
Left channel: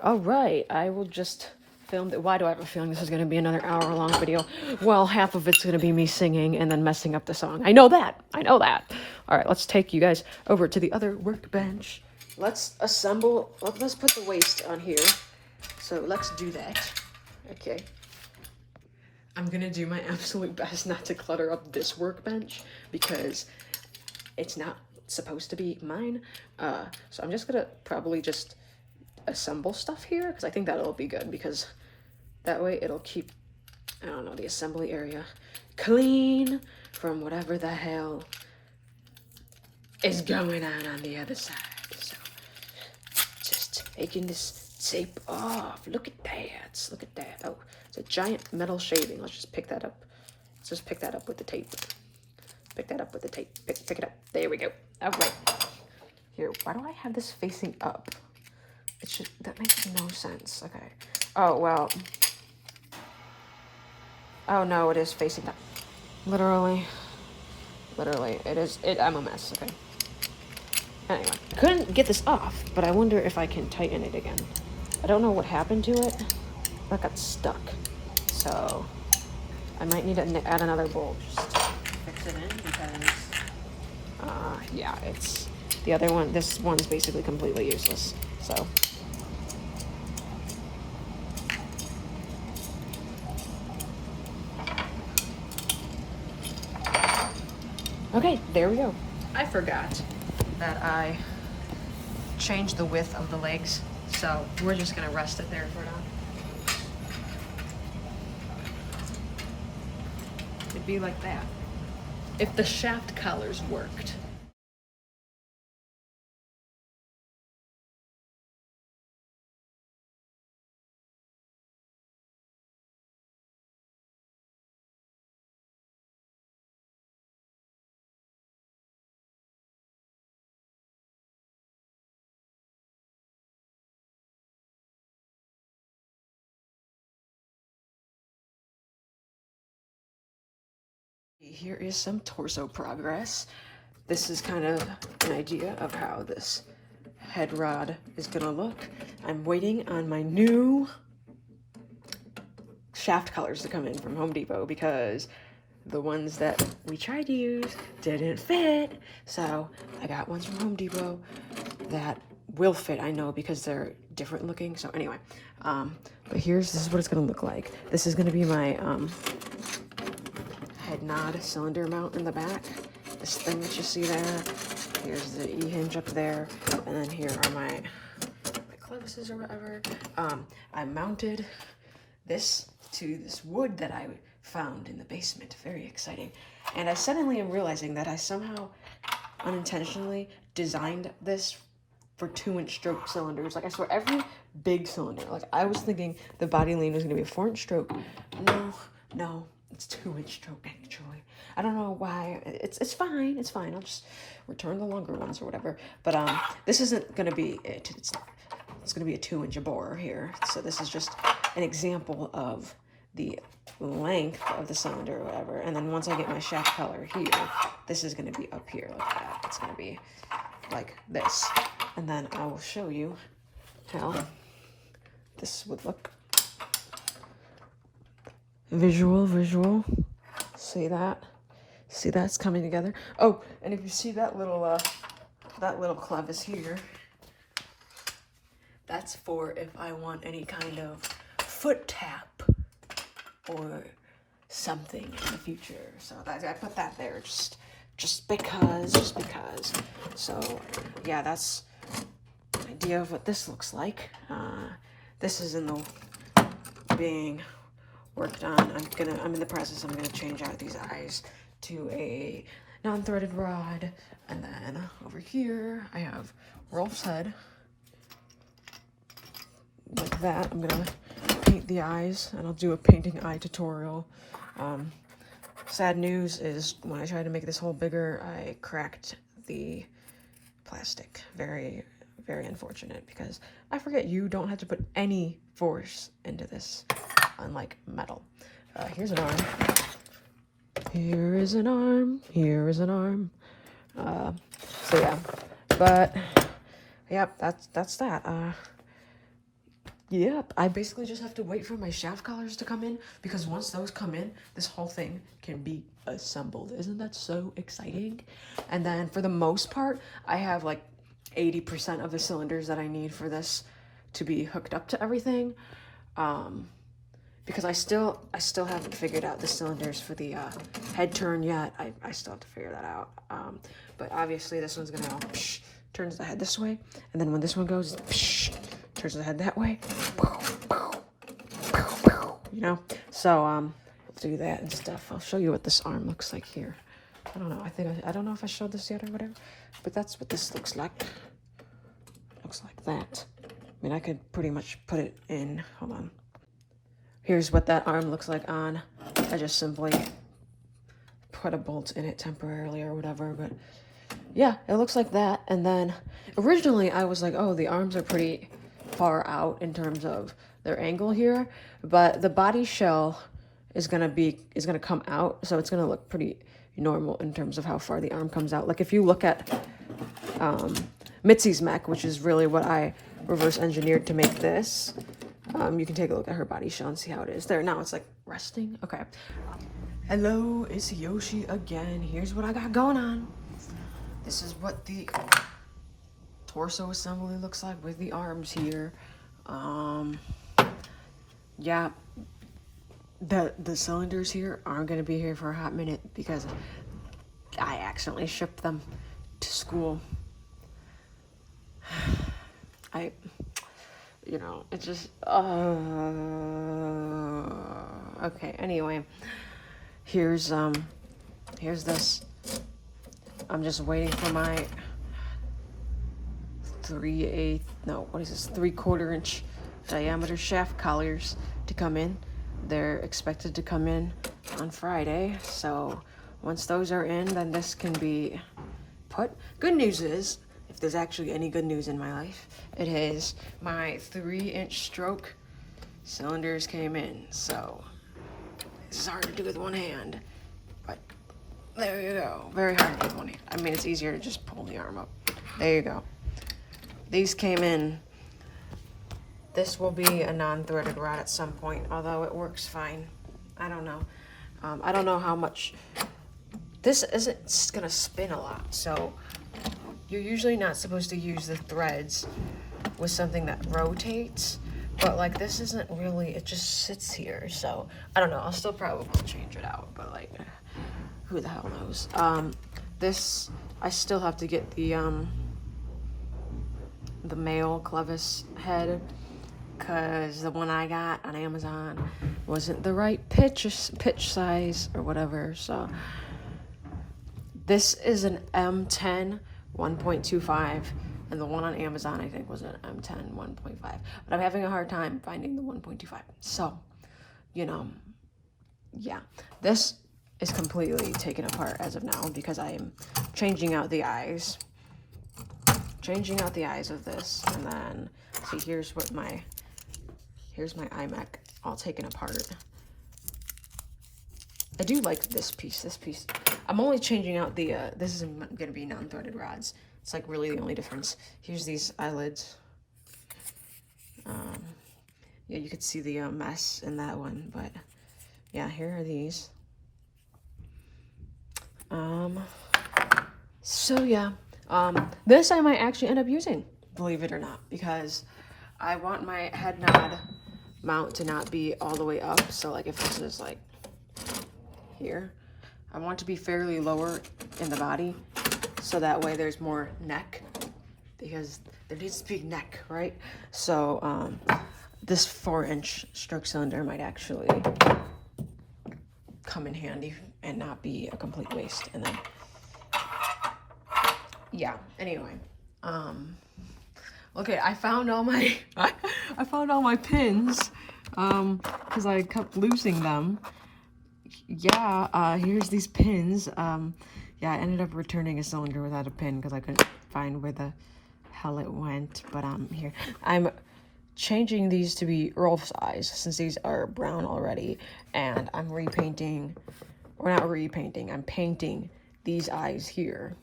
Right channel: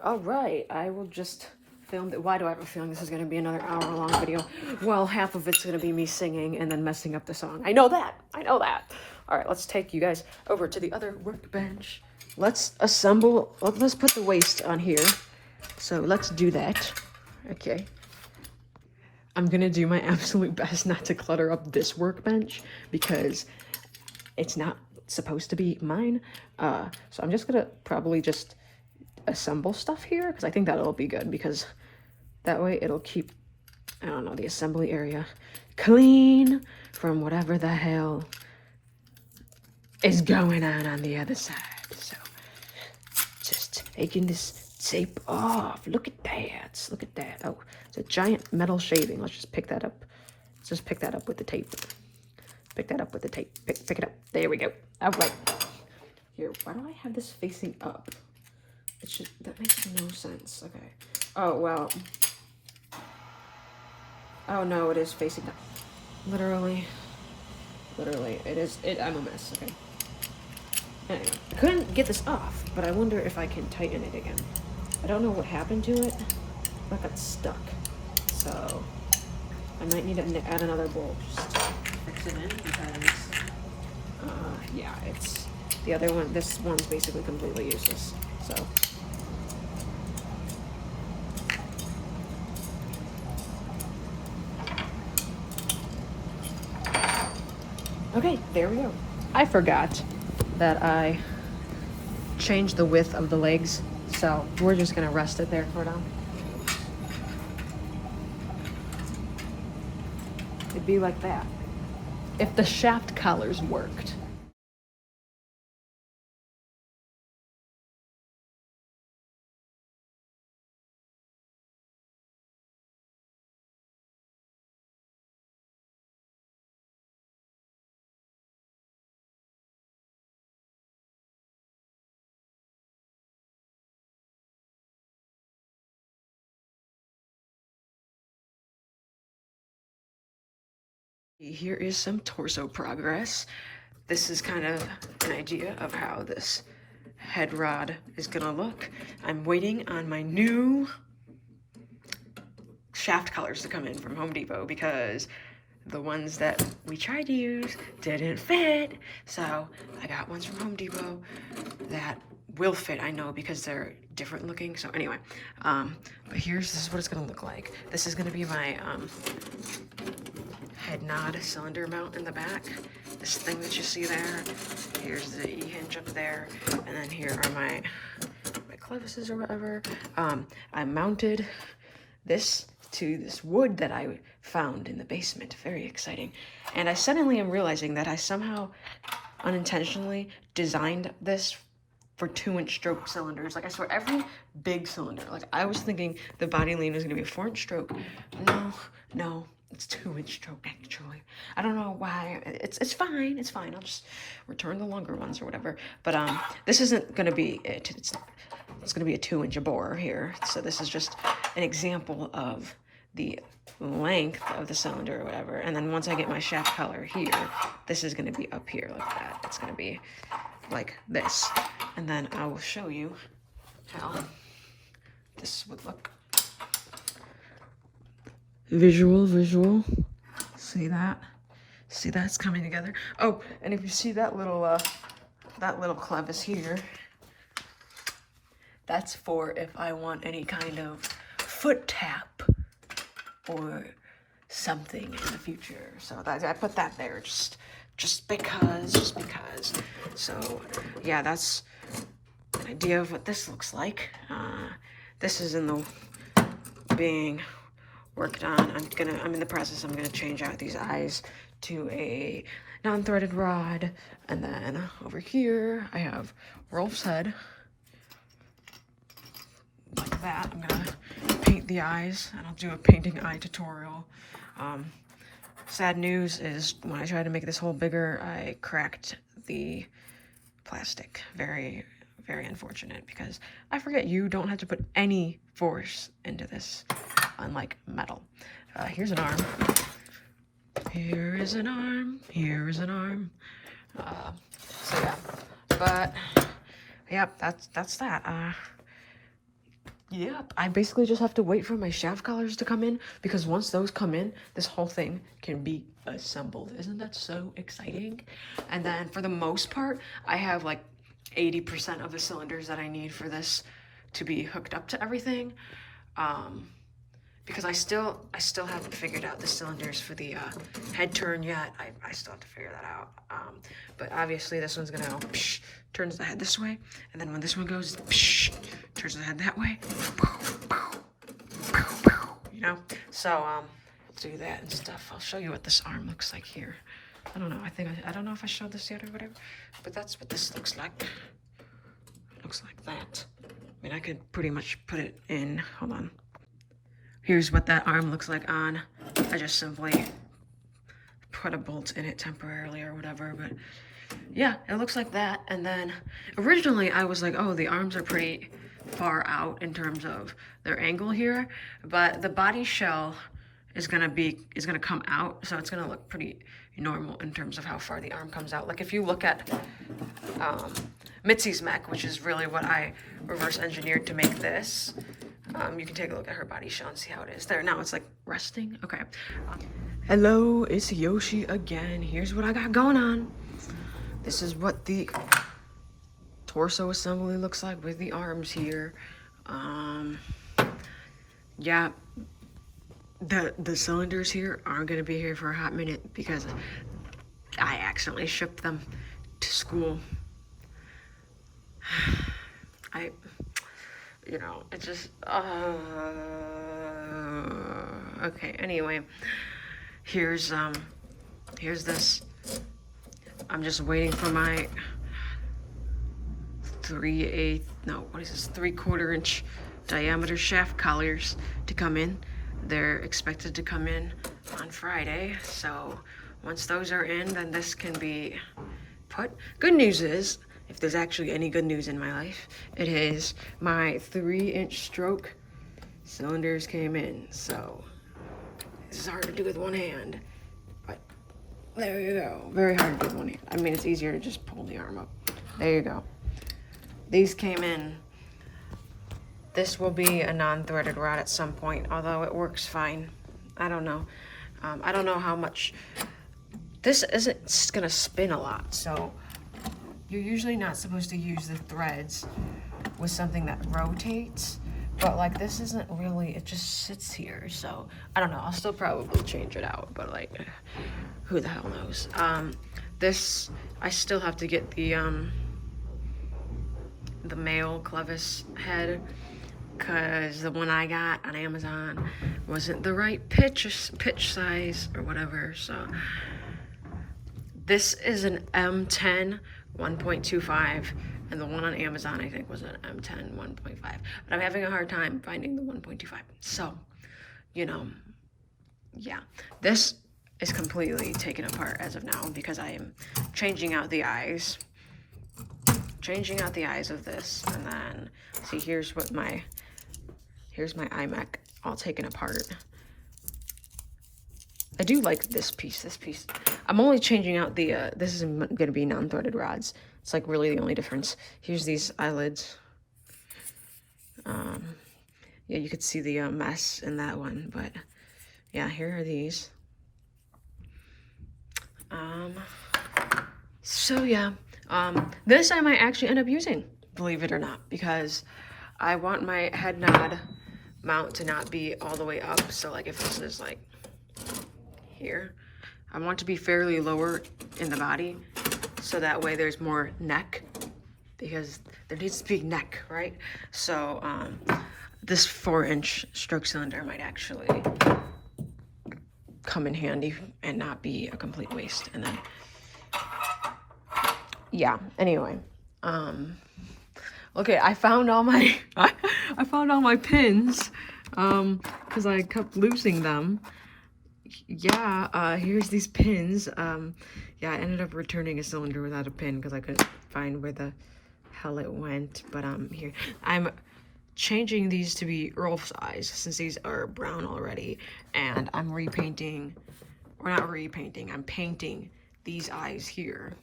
All right, I will just film it. Why do I have a feeling this is going to be another hour-long video? Well, half of it's going to be me singing and then messing up the song. I know that. I know that. All right, let's take you guys over to the other workbench. Let's assemble. Let's put the waist on here. So let's do that. Okay. I'm going to do my absolute best not to clutter up this workbench because it's not supposed to be mine. So I'm just going to probably just assemble stuff here because I think that'll be good because that way it'll keep, I don't know, the assembly area clean from whatever the hell is going on the other side. So just taking this tape off. Look at that. Look at that. Oh, it's a giant metal shaving. Let's just pick that up. Let's just pick that up with the tape. Pick that up with the tape. Pick it up. There we go. All right. Here, why do I have this facing up? It should, that makes no sense. Okay. Oh, well. Oh, no, it is facing down. Literally, it is, I'm a mess, okay. Anyway, I couldn't get this off, but I wonder if I can tighten it again. I don't know what happened to it. That got stuck. So, I might need to add another bolt just to fix it in because, yeah, it's, the other one, this one's basically completely useless, so. Okay, there we go. I forgot that I changed the width of the legs, so we're just gonna rest it there for now. It'd be like that if the shaft collars worked. Here is some torso progress. This is kind of an idea of how this head rod is gonna look. I'm waiting on my new shaft colors to come in from Home Depot because the ones that we tried to use didn't fit. So I got ones from Home Depot that will fit, I know, because they're different looking. So anyway, but this is what it's gonna look like. This is gonna be my head nod cylinder mount in the back. This thing that you see there. Here's the E-hinge up there, and then here are my clevises or whatever. I mounted this to this wood that I found in the basement. Very exciting. And I suddenly am realizing that I somehow unintentionally designed this for 2-inch stroke cylinders. Like, I swear, every big cylinder, like, I was thinking the body lean was gonna be a 4-inch stroke. No, it's 2-inch stroke actually. I don't know why. It's fine. I'll just return the longer ones or whatever. But this isn't gonna be it. It's gonna be a 2-inch bore here. So this is just an example of the length of the cylinder or whatever. And then once I get my shaft color here, this is gonna be up here like that. It's gonna be like this. And then I will show you how this would look. Visual. See that? See that's coming together? Oh, and if you see that little clevis here, that's for if I want any kind of foot tap or something in the future. So I put that there just because. So yeah, that's an idea of what this looks like. This is being worked on. I'm in the process. I'm gonna change out these eyes to a non-threaded rod, and then over here I have Rolf's head like that. I'm gonna paint the eyes, and I'll do a painting eye tutorial. Sad news is when I tried to make this hole bigger, I cracked the plastic. Very, very unfortunate, because I forget you don't have to put any force into this, unlike metal. Here's an arm. Here is an arm. So yeah, but yep, that's that. Yep, I basically just have to wait for my shaft collars to come in, because once those come in, this whole thing can be assembled. Isn't that so exciting? And then for the most part, I have like 80% of the cylinders that I need for this to be hooked up to everything. Because I still haven't figured out the cylinders for the head turn yet. I still have to figure that out. But obviously this one's gonna go turns the head this way, and then when this one goes turns the head that way. You know? So let's do that and stuff. I'll show you what this arm looks like here. I don't know. I don't know if I showed this yet or whatever, but that's what this looks like. It looks like that. I mean, I could pretty much put it in. Hold on. Here's what that arm looks like on. I just simply put a bolt in it temporarily or whatever, but yeah, it looks like that. And then originally I was like, oh, the arms are pretty far out in terms of their angle here, but the body shell is gonna come out, so it's gonna look pretty normal in terms of how far the arm comes out. Like if you look at Mitzi's mech, which is really what I reverse engineered to make this, you can take a look at her body shell and see how it is. There, now it's like resting. Okay. Hello, it's Yoshi again. Here's what I got going on. This is what the torso assembly looks like with the arms here. Yeah, the cylinders here aren't gonna be here for a hot minute because I accidentally shipped them to school. You know, it's just, okay, anyway, here's this. I'm just waiting for my 3/4 inch diameter shaft collars to come in. They're expected to come in on Friday, so once those are in, then this can be put. Good news is, if there's actually any good news in my life, it is my 3-inch stroke cylinders came in. So this is hard to do with one hand, but There you go. Very hard to get one hand. I mean, it's easier to just pull the arm up. There you go. These came in. This will be a non-threaded rod at some point, although it works fine. I don't know. I don't know how much. This isn't gonna spin a lot, so you're usually not supposed to use the threads with something that rotates, but like this isn't really, it just sits here, so I don't know. I'll still probably change it out, but like, who the hell knows. This, I still have to get the male clevis head, because the one I got on Amazon wasn't the right pitch size or whatever. So this is an M10 1.25, and the one on Amazon I think was an M10 1.5, but I'm having a hard time finding the 1.25. So, you know, yeah, this is completely taken apart as of now because I am changing out the eyes of this, and then see, here's my iMac all taken apart. I do like this piece. I'm only changing out the this is gonna be non-threaded rods. It's like really the only difference. Here's these eyelids. Yeah, you could see the mess in that one, but yeah, here are these. So yeah, this I might actually end up using, believe it or not, because I want my head nod mount to not be all the way up. So like if this is like here, I want to be fairly lower in the body, so that way there's more neck, because there needs to be neck, right? So this 4-inch stroke cylinder might actually come in handy and not be a complete waste. And then yeah, anyway, okay, I found all my I found all my pins because I kept losing them. Yeah, here's these pins. Yeah, I ended up returning a cylinder without a pin because I couldn't find where the hell it went. But here, I'm changing these to be Earl size since these are brown already, and I'm repainting, or not repainting, I'm painting these eyes here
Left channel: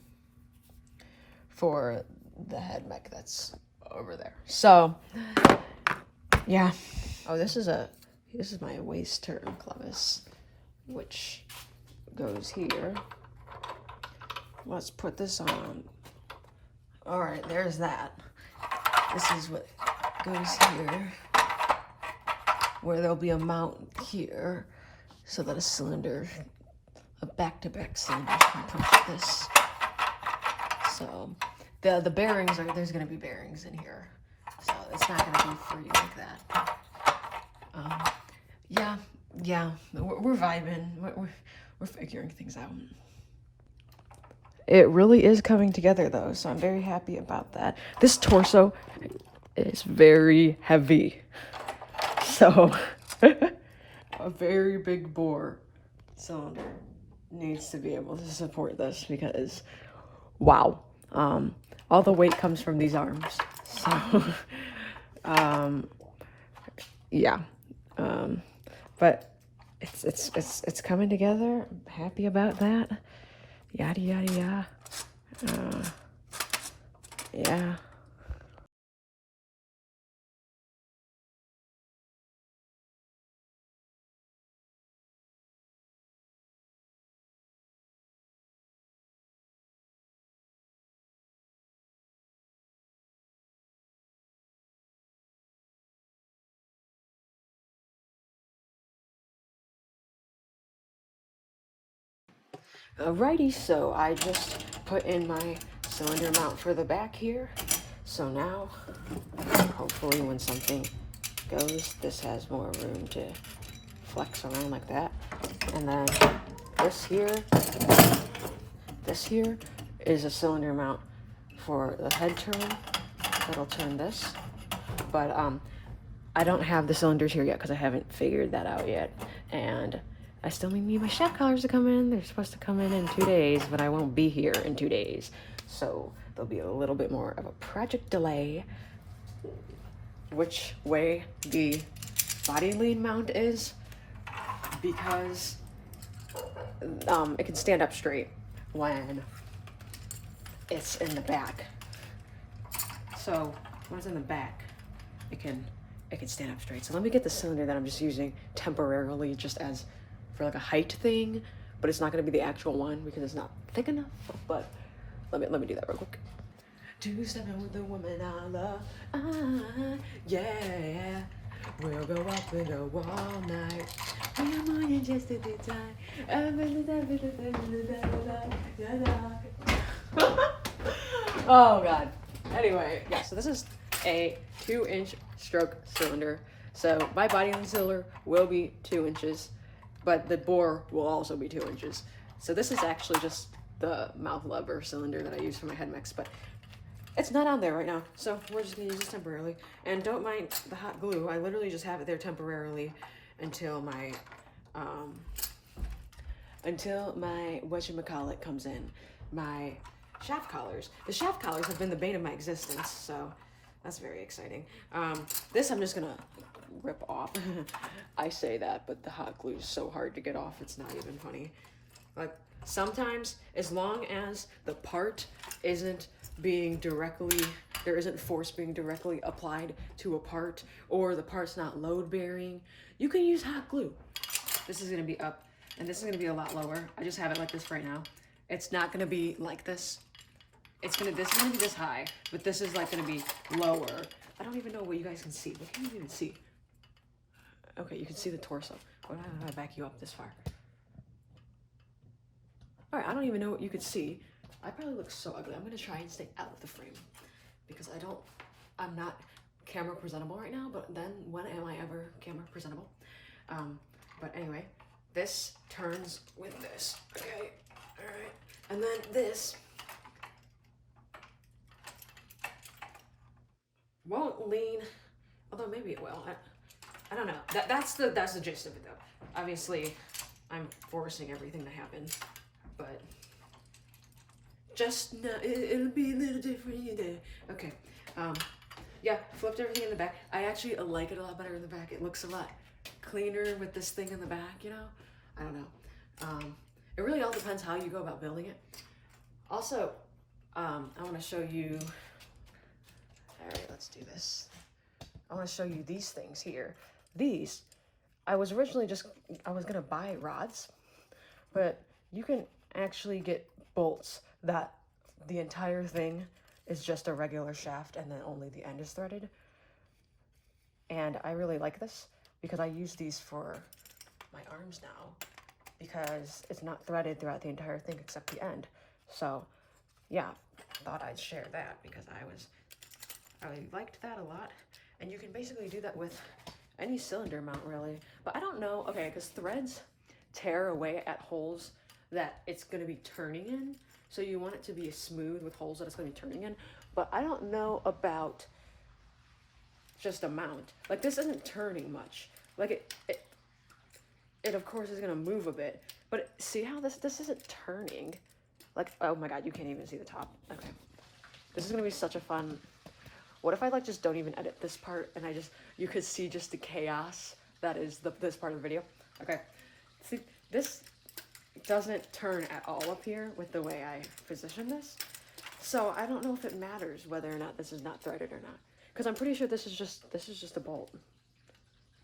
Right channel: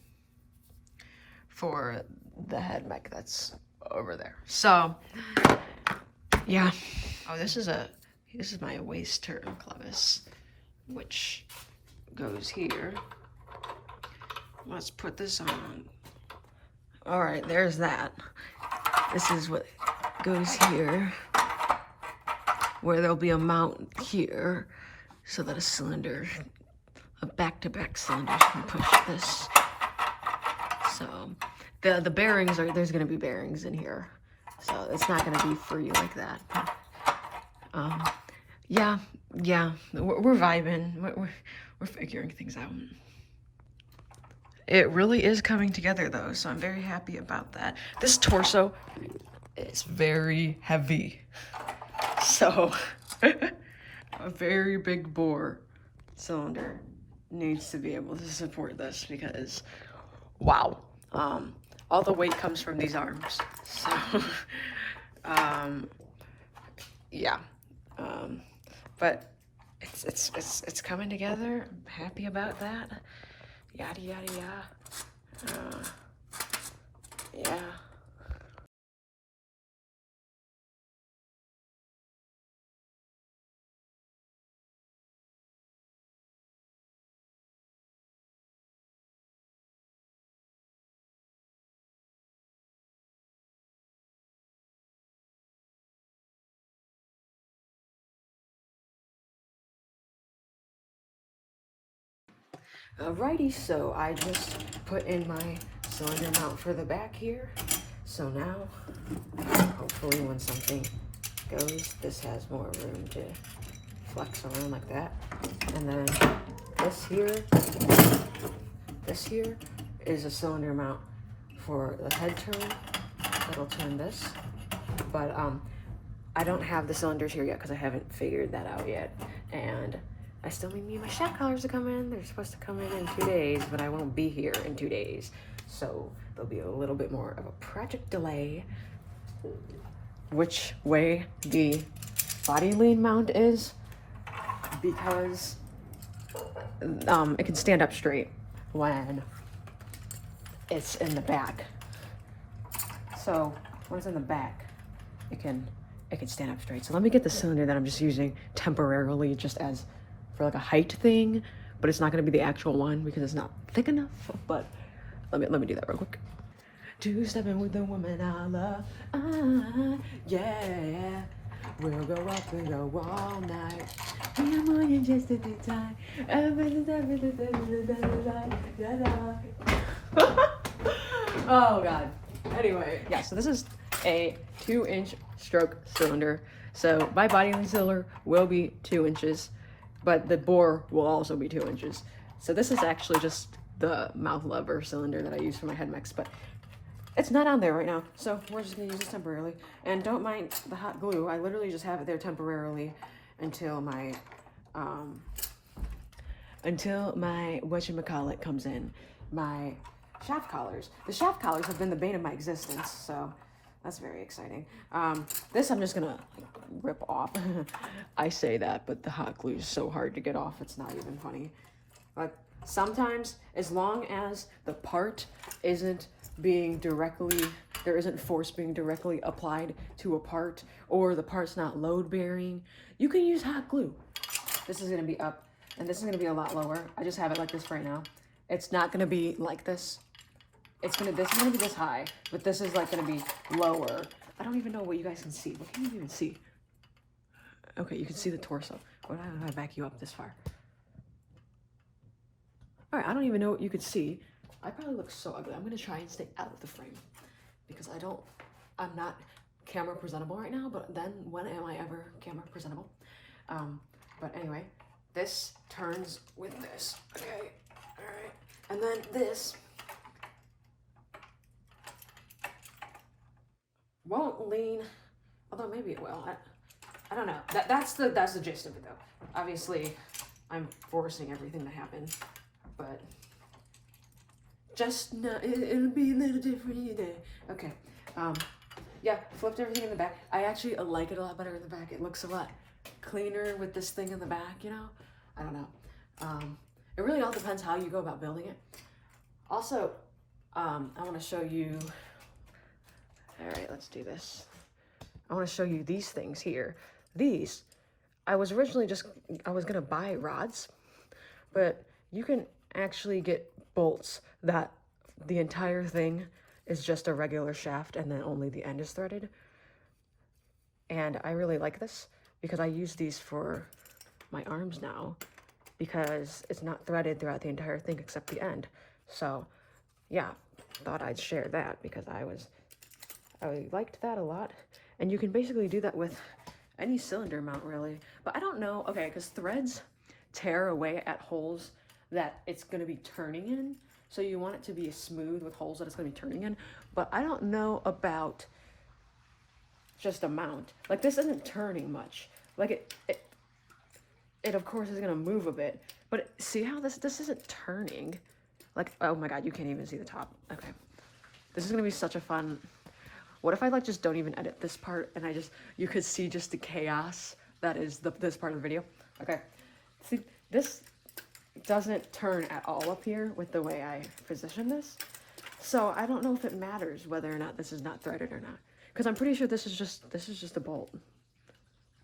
for the head mech that's over there. So yeah. Oh, this is my waist turn clevis, which goes here. Let's put this on. All right, there's that. This is what goes here, where there'll be a mount here so that a back-to-back cylinder can punch this. So the bearings there's gonna be bearings in here, so it's not gonna be free like that. Yeah, we're vibing. We're figuring things out. It really is coming together though, so I'm very happy about that. This torso is very heavy, so a very big bore cylinder needs to be able to support this, because wow, all the weight comes from these arms. So yeah, but it's coming together. I'm happy about that. Yada yada yada. Yeah. Alrighty, so I just put in my cylinder mount for the back here. So now, hopefully when something goes, this has more room to flex around like that. And then this here is a cylinder mount for the head turn. That'll turn this. But I don't have the cylinders here yet because I haven't figured that out yet. And I still need my shock collars to come in. They're supposed to come in 2 days, but I won't be here in 2 days. So there'll be a little bit more of a project delay. Which way the body lean mount is, because it can stand up straight when it's in the back. So when it's in the back, it can stand up straight. So let me get the cylinder that I'm just using temporarily just as for like a height thing, but it's not gonna be the actual one because it's not thick enough. But let me do that real quick. Two-stepping with the woman I love, yeah. We'll go up and go all night. Come on, you just a good time. Oh God. Anyway, yeah, so this is a 2-inch stroke cylinder. So my body on the cylinder will be 2 inches, but the bore will also be 2 inches. So this is actually just the mouth lever cylinder that I use for my head mix, but it's not on there right now, so we're just gonna use this temporarily. And don't mind the hot glue. I literally just have it there temporarily until my whatchamacallit comes in. My shaft collars. The shaft collars have been the bane of my existence, so that's very exciting. This I'm just gonna rip off. I say that, but the hot glue is so hard to get off, it's not even funny. Like, sometimes, as long as the part isn't being directly, there isn't force being directly applied to a part, or the part's not load bearing, you can use hot glue. This is gonna be up, and this is gonna be a lot lower. I just have it like this right now. It's not gonna be like this. This is gonna be this high, but this is like gonna be lower. I don't even know what you guys can see. What can you even see? Okay, you can see the torso. Why don't I back you up this far? All right, I don't even know what you could see. I probably look so ugly. I'm gonna try and stay out of the frame because I'm not camera presentable right now, but then when am I ever camera presentable? But anyway, this turns with this, okay? All right, and then this won't lean, although maybe it will. I don't know. That's the gist of it though. Obviously, I'm forcing everything to happen, but just no, it'll be a little different there. Okay. Yeah, flipped everything in the back. I actually like it a lot better in the back. It looks a lot cleaner with this thing in the back, you know? I don't know. It really all depends how you go about building it. Also, I want to show you, all right, let's do this. I want to show you these things here. These, I was originally I was gonna buy rods, but you can actually get bolts that the entire thing is just a regular shaft and then only the end is threaded. And I really like this because I use these for my arms now because it's not threaded throughout the entire thing except the end. So yeah, thought I'd share that because I liked that a lot. And you can basically do that with any cylinder mount really. But I don't know, okay, because threads tear away at holes that it's gonna be turning in. So you want it to be smooth with holes that it's gonna be turning in. But I don't know about just a mount. Like this isn't turning much. Like it of course is gonna move a bit, but see how this isn't turning? Like, oh my God, you can't even see the top. Okay. This is gonna be such a fun, what if I like just don't even edit this part and you could see just the chaos that is this part of the video? Okay, see, this doesn't turn at all up here with the way I position this. So I don't know if it matters whether or not this is not threaded or not. Because I'm pretty sure this is just a bolt.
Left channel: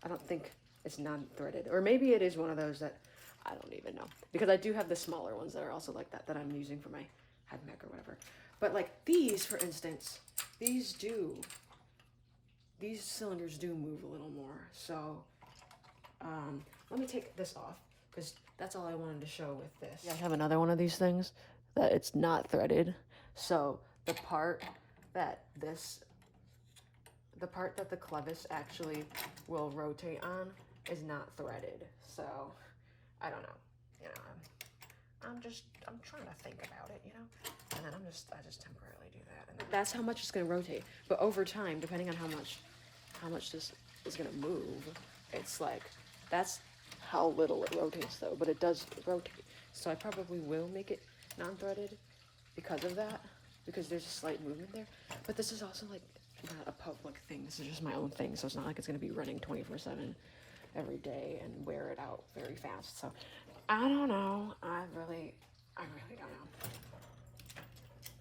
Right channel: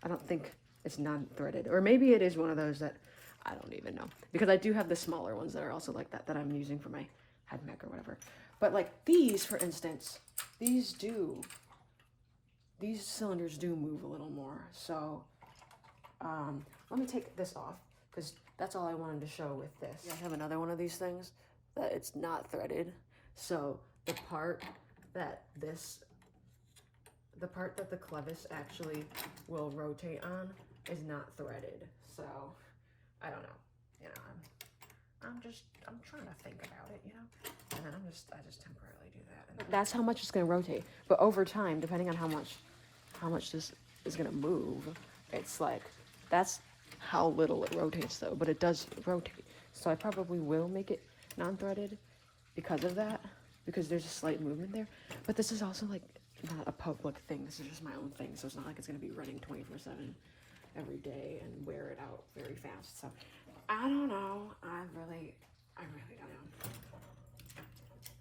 I don't think it's non-threaded. Or maybe it is one of those that I don't even know. Because I do have the smaller ones that are also like that I'm using for my head mech or whatever. But like these, for instance, these cylinders do move a little more. So let me take this off because that's all I wanted to show with this. Yeah, I have another one of these things that it's not threaded. So the part that the clevis actually will rotate on is not threaded. So I don't know, you know, I'm trying to think about it, you know, and then I just temporarily do that. And that's how much it's going to rotate. But over time, depending on how much this is going to move, it's like, that's how little it rotates though, but it does rotate. So I probably will make it non-threaded because of that, because there's a slight movement there. But this is also like not a public thing. This is just my own thing. So it's not like it's going to be running 24/7 every day and wear it out very fast. So I don't know. I really don't know.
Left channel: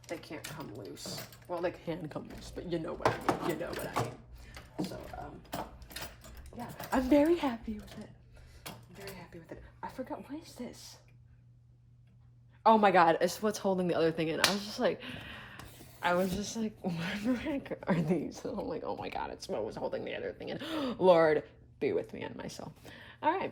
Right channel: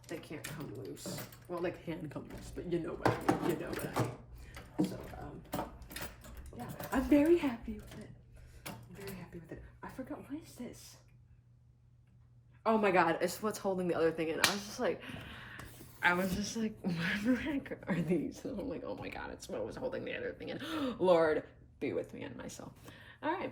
They can't come loose. Well, they can come loose, but you know what I mean. You know what I mean. So, yeah, I'm very happy with it. I'm very happy with it. I forgot, what is this? Oh my god, it's what's holding the other thing in. I was just like, what the heck are these? And I'm like, oh my god, it's what was holding the other thing in. Lord, be with me and my soul. All right.